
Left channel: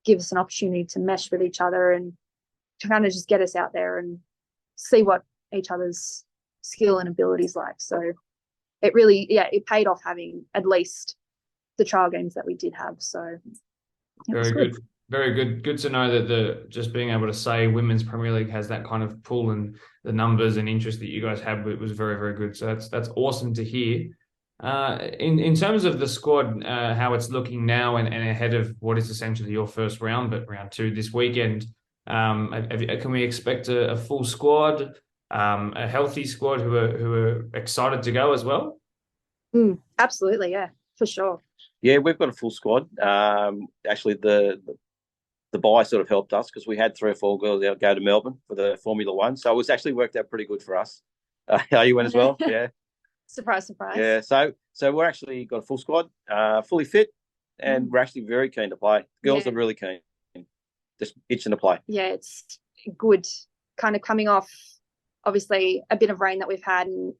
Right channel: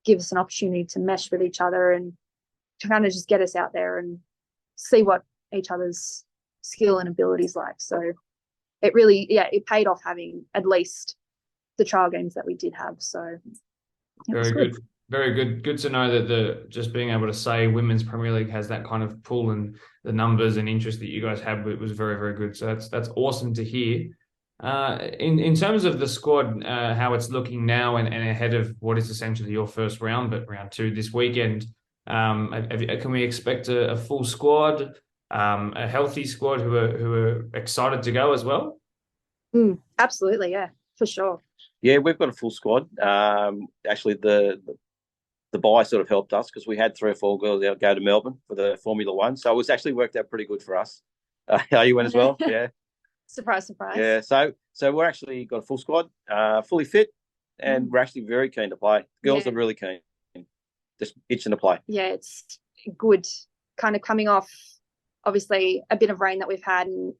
give us an opportunity to mesh with each other and to kind of just get us out there and see what each other's skill and abilities like. So it really, it paid off having at least the trial games that we did have. So very good. Very good. Good to know that just being able to say Women's Premier League has that kind of pull, and the numbers and interest that you guys have, it was very, very good. So that's awesome to hear. In terms of the squad, how it's looking now and ahead of what is essentially your first round, but round 2 this weekend, can we expect a full squad? a healthy squad who are excited to go as well? Absolutely, yeah, for sure. Yeah, we've got a full squad. Actually, the buy sort of helped us because we had 3 or 4 girls out go to Melbourne for the Formula One, so it's actually worked out pretty good for us. You went as well, yeah. Surprise, surprise. Yeah, so we're actually got a full squad, fully fit, and we're actually very keen to play. Girls are really keen, just itching to play. Yeah, it's good. Kind of coming off, obviously, a bit of rain that we've had, and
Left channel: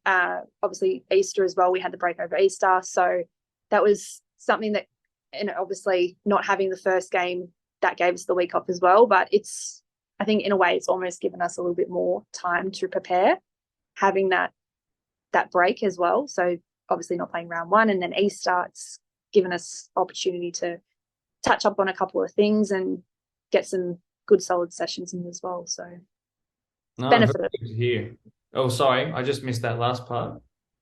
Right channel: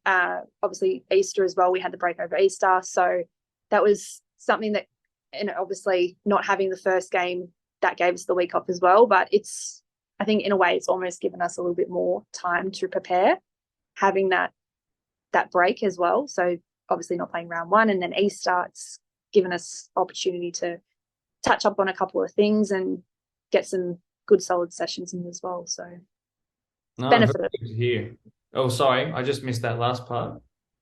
obviously Easter as well. We had the break over Easter, so that was something that, and obviously not having the first game, that gave us the week off as well. But I think in a way, it's almost given us a little bit more time to prepare, having that break as well. So obviously not playing round 1 and then Easter, it's given us opportunity to touch up on a couple of things and get some good solid sessions in as well. So benefited. Good to hear. Oh, sorry, I just missed that last part.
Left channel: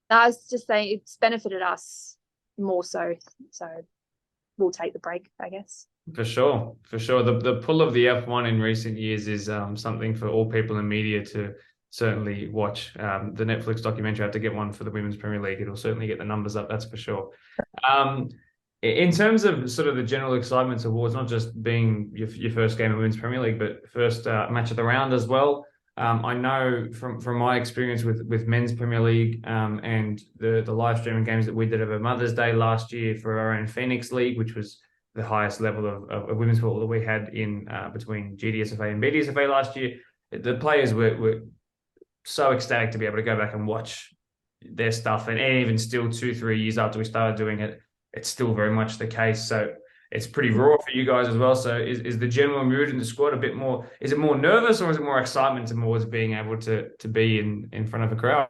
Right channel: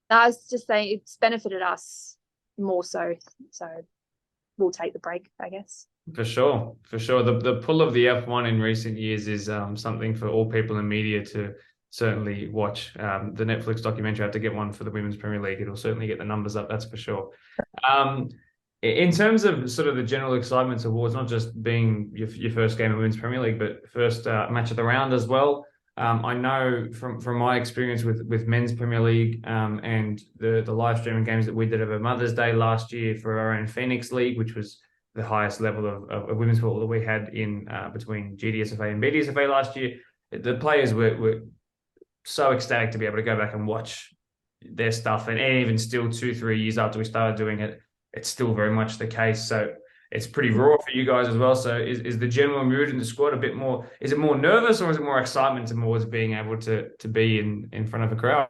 I was just saying it's benefited us more so we'll take the break, I guess. For sure. The pull of the F1 in recent years is something for all people in media to certainly watch. The Netflix documentary, I have to get one for the Women's Premier League. It'll certainly get the numbers up, that's for sure. In terms of sort of the general excitement towards not just being your first game of Women's Premier League, but first match of the round as well. I know from my experience with Men's Premier League and the live streaming games that we did over Mother's Day last year for our own Phoenix League, which was the highest level of women's football that we had in between GDSFA and BDSFA last year. The players were so ecstatic to be able to go back and watch their stuff, and even still 2-3 years after we started doing it, it's still very much the case. So it's pretty raw for you guys as well. So is the general mood in the squad a bit more, is it more nervous or is it more excitement towards being able to be in front of a crowd?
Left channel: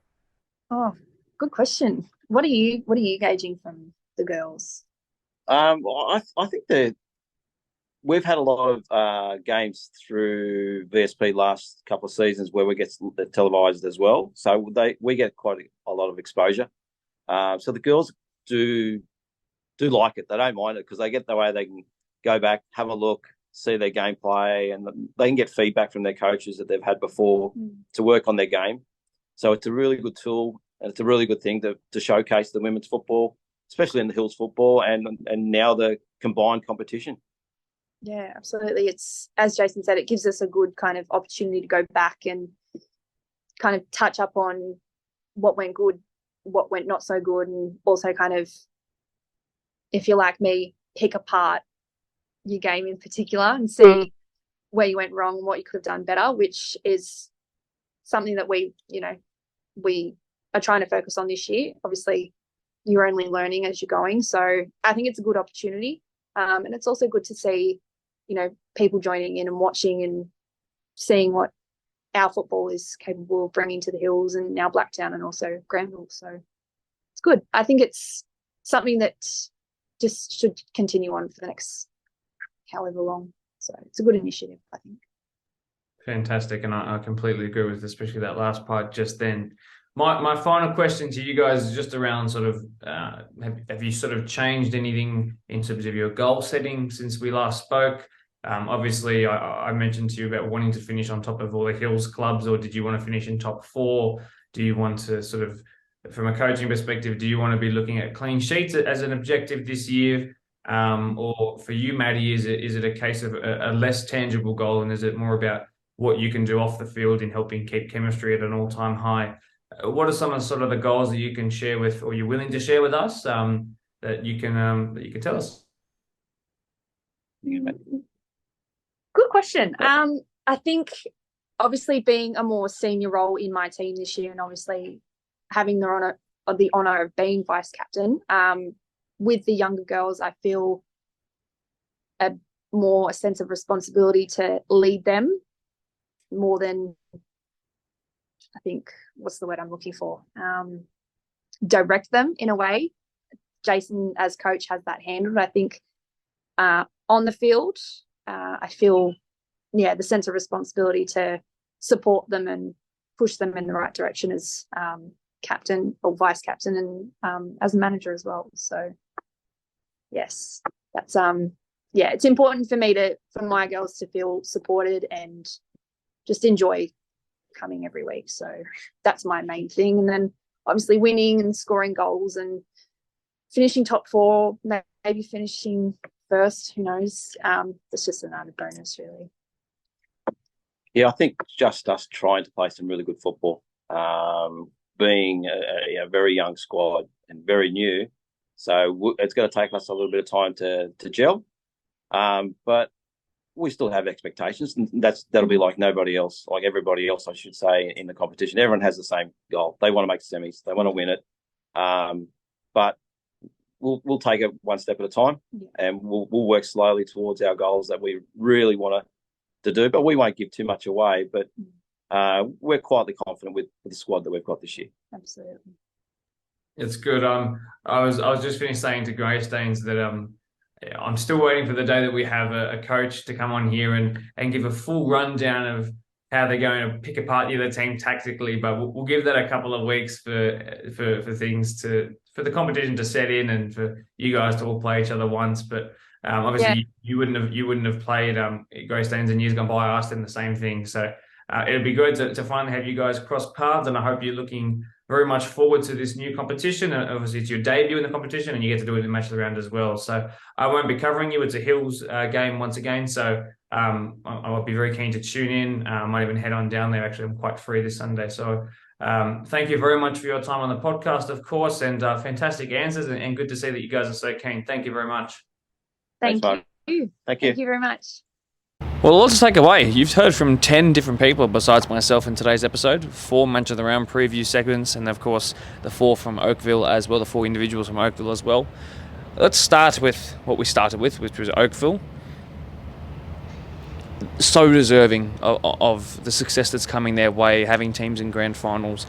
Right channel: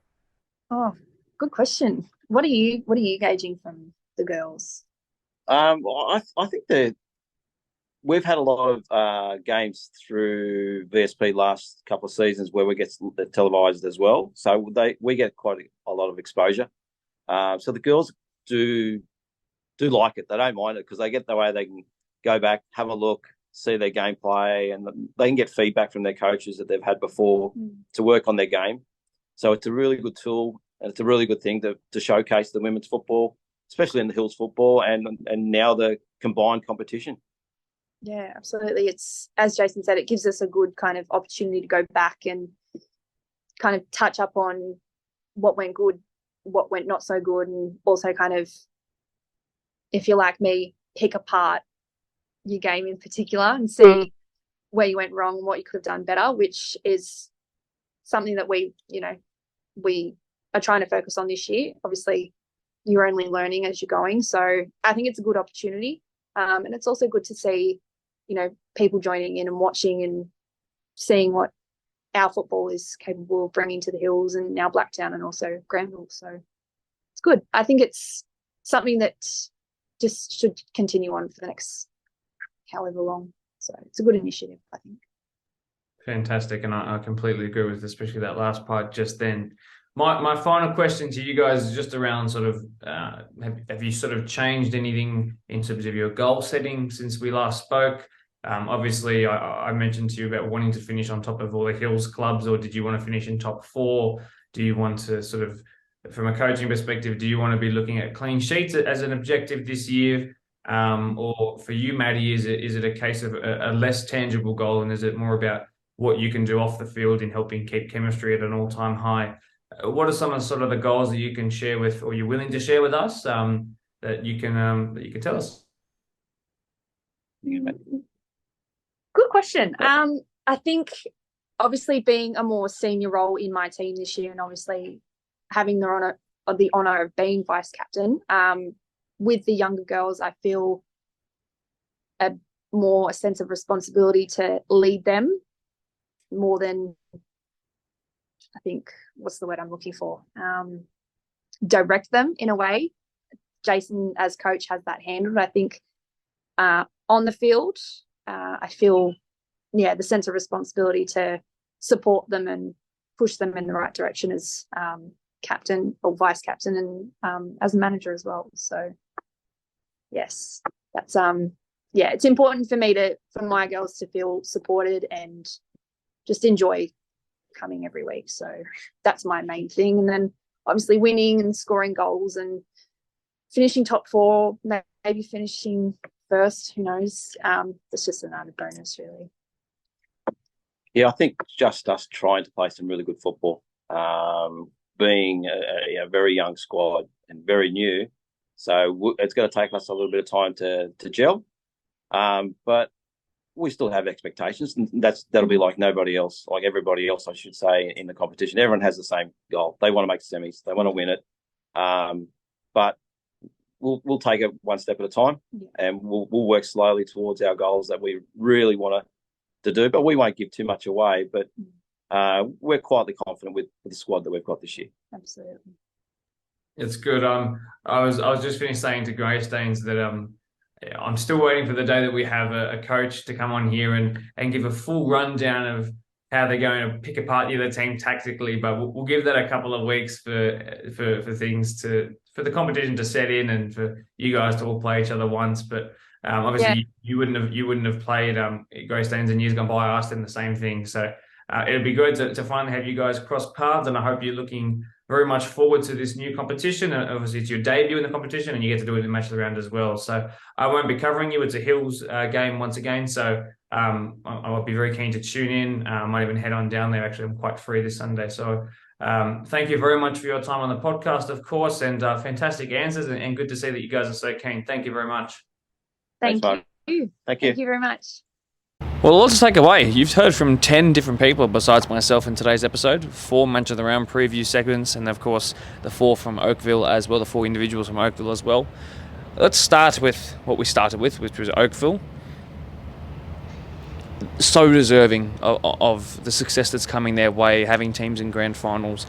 Oh, good question. What are you gauging from the girls? I think that we've had a lot of games through VSP last couple of seasons where we get televised as well. So we get quite a lot of exposure. So the girls do like it. They don't mind it because they get the way they can go back, have a look, see their gameplay, and they can get feedback from their coaches that they've had before to work on their game. So it's a really good tool, and it's a really good thing to showcase the women's football, especially in the Hills football and now the combined competition. Yeah, absolutely. It's, as Jason said, it gives us a good kind of opportunity to go back and kind of touch up on what went good, what went not so good, and also kind of, if you're like me, pick apart your game in particular and see where you went wrong and what you could have done better, which is something that we are trying to focus on this year. Obviously, you're only learning as you're going. So I think it's a good opportunity. And it's also good to see, people joining in and watching and seeing what our football is capable of bringing to the Hills and now Blacktown and also Granville. So it's good. I think it's something that just should continue on for the next however long. So it's a good initiative, I think. Fantastic. And I completely agree with especially that last part just then. My final question to you guys is just around sort of, have you sort of changed anything in terms of your goal setting since we last spoke? Obviously, I mentioned to you about wanting to finish on top of all the Hills clubs, or did you want to finish in top 4? Do you want to sort of, from a coaching perspective, do you want to be looking at clean sheets as an objective this year? Or for you, Maddie, is it a case of a less tangible goal, and is it more about what you can do off the field in helping keep chemistry at an all-time high? What are some of sort of the goals that you can share with, or you're willing to share with us, that you can tell us? Good question. I think obviously being a more senior role in my team this year, and obviously having the honor of being vice captain, with the younger girls, I feel a sense of responsibility to lead them more than, I think, what's the word I'm looking for? Direct them in a way. Jason, as coach, has that handled. I think on the field, I feel, the sense of responsibility to support them and push them in the right direction as captain or vice captain, and as a manager as well. So, yes, that's it's important for me for my girls to feel supported and just enjoy coming every week. So that's my main thing. And then obviously winning and scoring goals and finishing top 4, maybe finishing first, who knows? It's just an added bonus, really. Yeah, I think just us trying to play some really good football, being a very young squad and very new. So it's going to take us a little bit of time to gel. But we still have expectations, and that'll be like nobody else, like everybody else, I should say, in the competition. Everyone has the same goal. They want to make semis. They want to win it. But we'll take it one step at a time, and we'll work slowly towards our goals that we really want to do. But we won't give too much away. But we're quietly confident with the squad that we've got this year. Absolutely. It's good. I was just finished saying to Greystanes that I'm still waiting for the day that we have a coach to come on here and give a full rundown of how they're going to pick apart the other team tactically. But we'll give that a couple of weeks for things for the competition to set in and for you guys to all play each other once. But obviously you wouldn't have played Greystanes in years gone by. I asked them the same thing. So it'd be good to finally have you guys cross paths, and I hope you're looking very much forward to this new competition. Obviously, it's your debut in the competition, and you get to do it in match of the round as well. So I won't be covering you. It's a Hills game once again, so I'll be very keen to tune in. I might even head on down there. Actually, I'm quite free this Sunday. So thank you very much for your time on the podcast, of course, and fantastic answers, and good to see that you guys are so keen. Thank you very much. Thank you. Thank you. Thank you very much. Well, a lot to take away. You've heard from 10 different people besides myself in today's episode, 4 match of the round preview segments, and of course the 4 from Oakville as well, the 4 individuals from Oakville as well. Let's start with what we started with, which was Oakville. So deserving of the success that's coming their way, having teams in grand finals,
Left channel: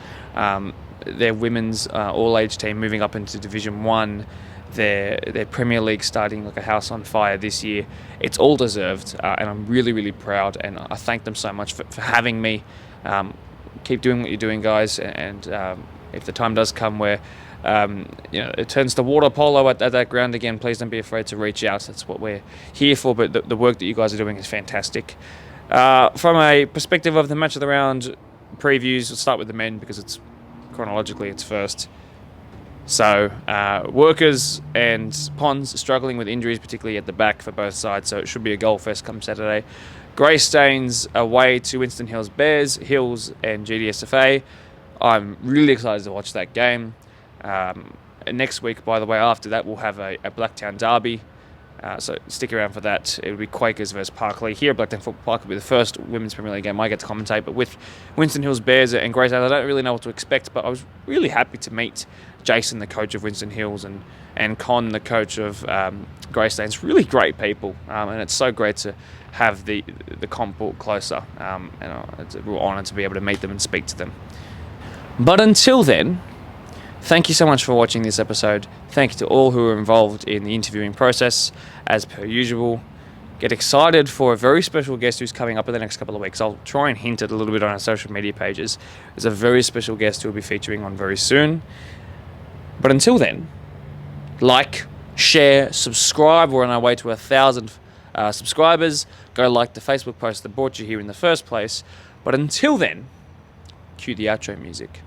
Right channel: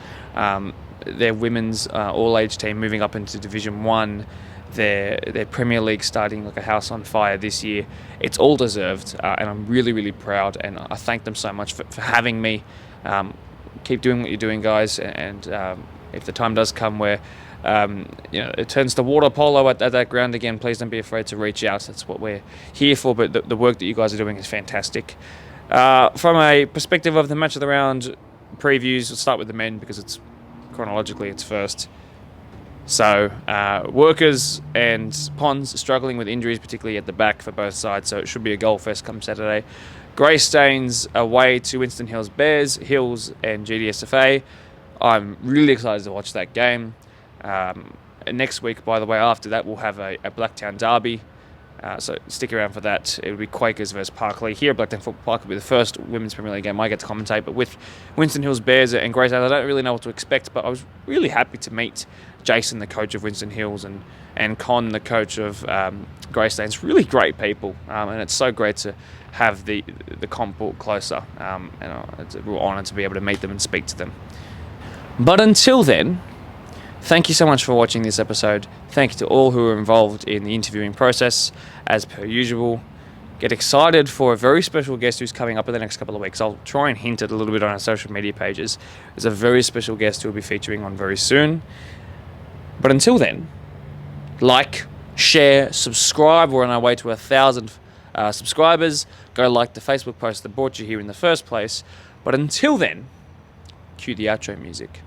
their women's all-age team moving up into Division 1, their Premier League starting like a house on fire this year. It's all deserved, and I'm really, really proud, and I thank them so much for having me. Keep doing what you're doing, guys, and if the time does come where it turns to water polo at that ground again, please don't be afraid to reach out. That's what we're here for, but the work that you guys are doing is fantastic. From a perspective of the match of the round previews, we'll start with the men because it's chronologically it's first. So Workers and Ponds struggling with injuries, particularly at the back for both sides, so it should be a goal fest come Saturday. Greystanes away to Winston Hills Bears, Hills and GDSFA. I'm really excited to watch that game. Next week, by the way, after that, we'll have a Blacktown derby. So stick around for that. It'll be Quakers versus Parkley. Here at Blacktown Football Park will be the first Women's Premier League game I get to commentate, but with Winston Hills Bears and Greystanes, I don't really know what to expect, but I was really happy to meet Jason, the coach of Winston Hills, and Con, the coach of Greystanes. Really great people, and it's so great to have the comp brought closer, and it's a real honour to be able to meet them and speak to them. But until then, thank you so much for watching this episode. Thank you to all who are involved in the interviewing process. As per usual, get excited for a very special guest who's coming up in the next couple of weeks. I'll try and hint it a little bit on our social media pages. There's a very special guest who will be featuring on very soon. But until then, like, share, subscribe. We're on our way to 1,000 subscribers. Go like the Facebook post that brought you here in the first place. But until then, cue the outro music.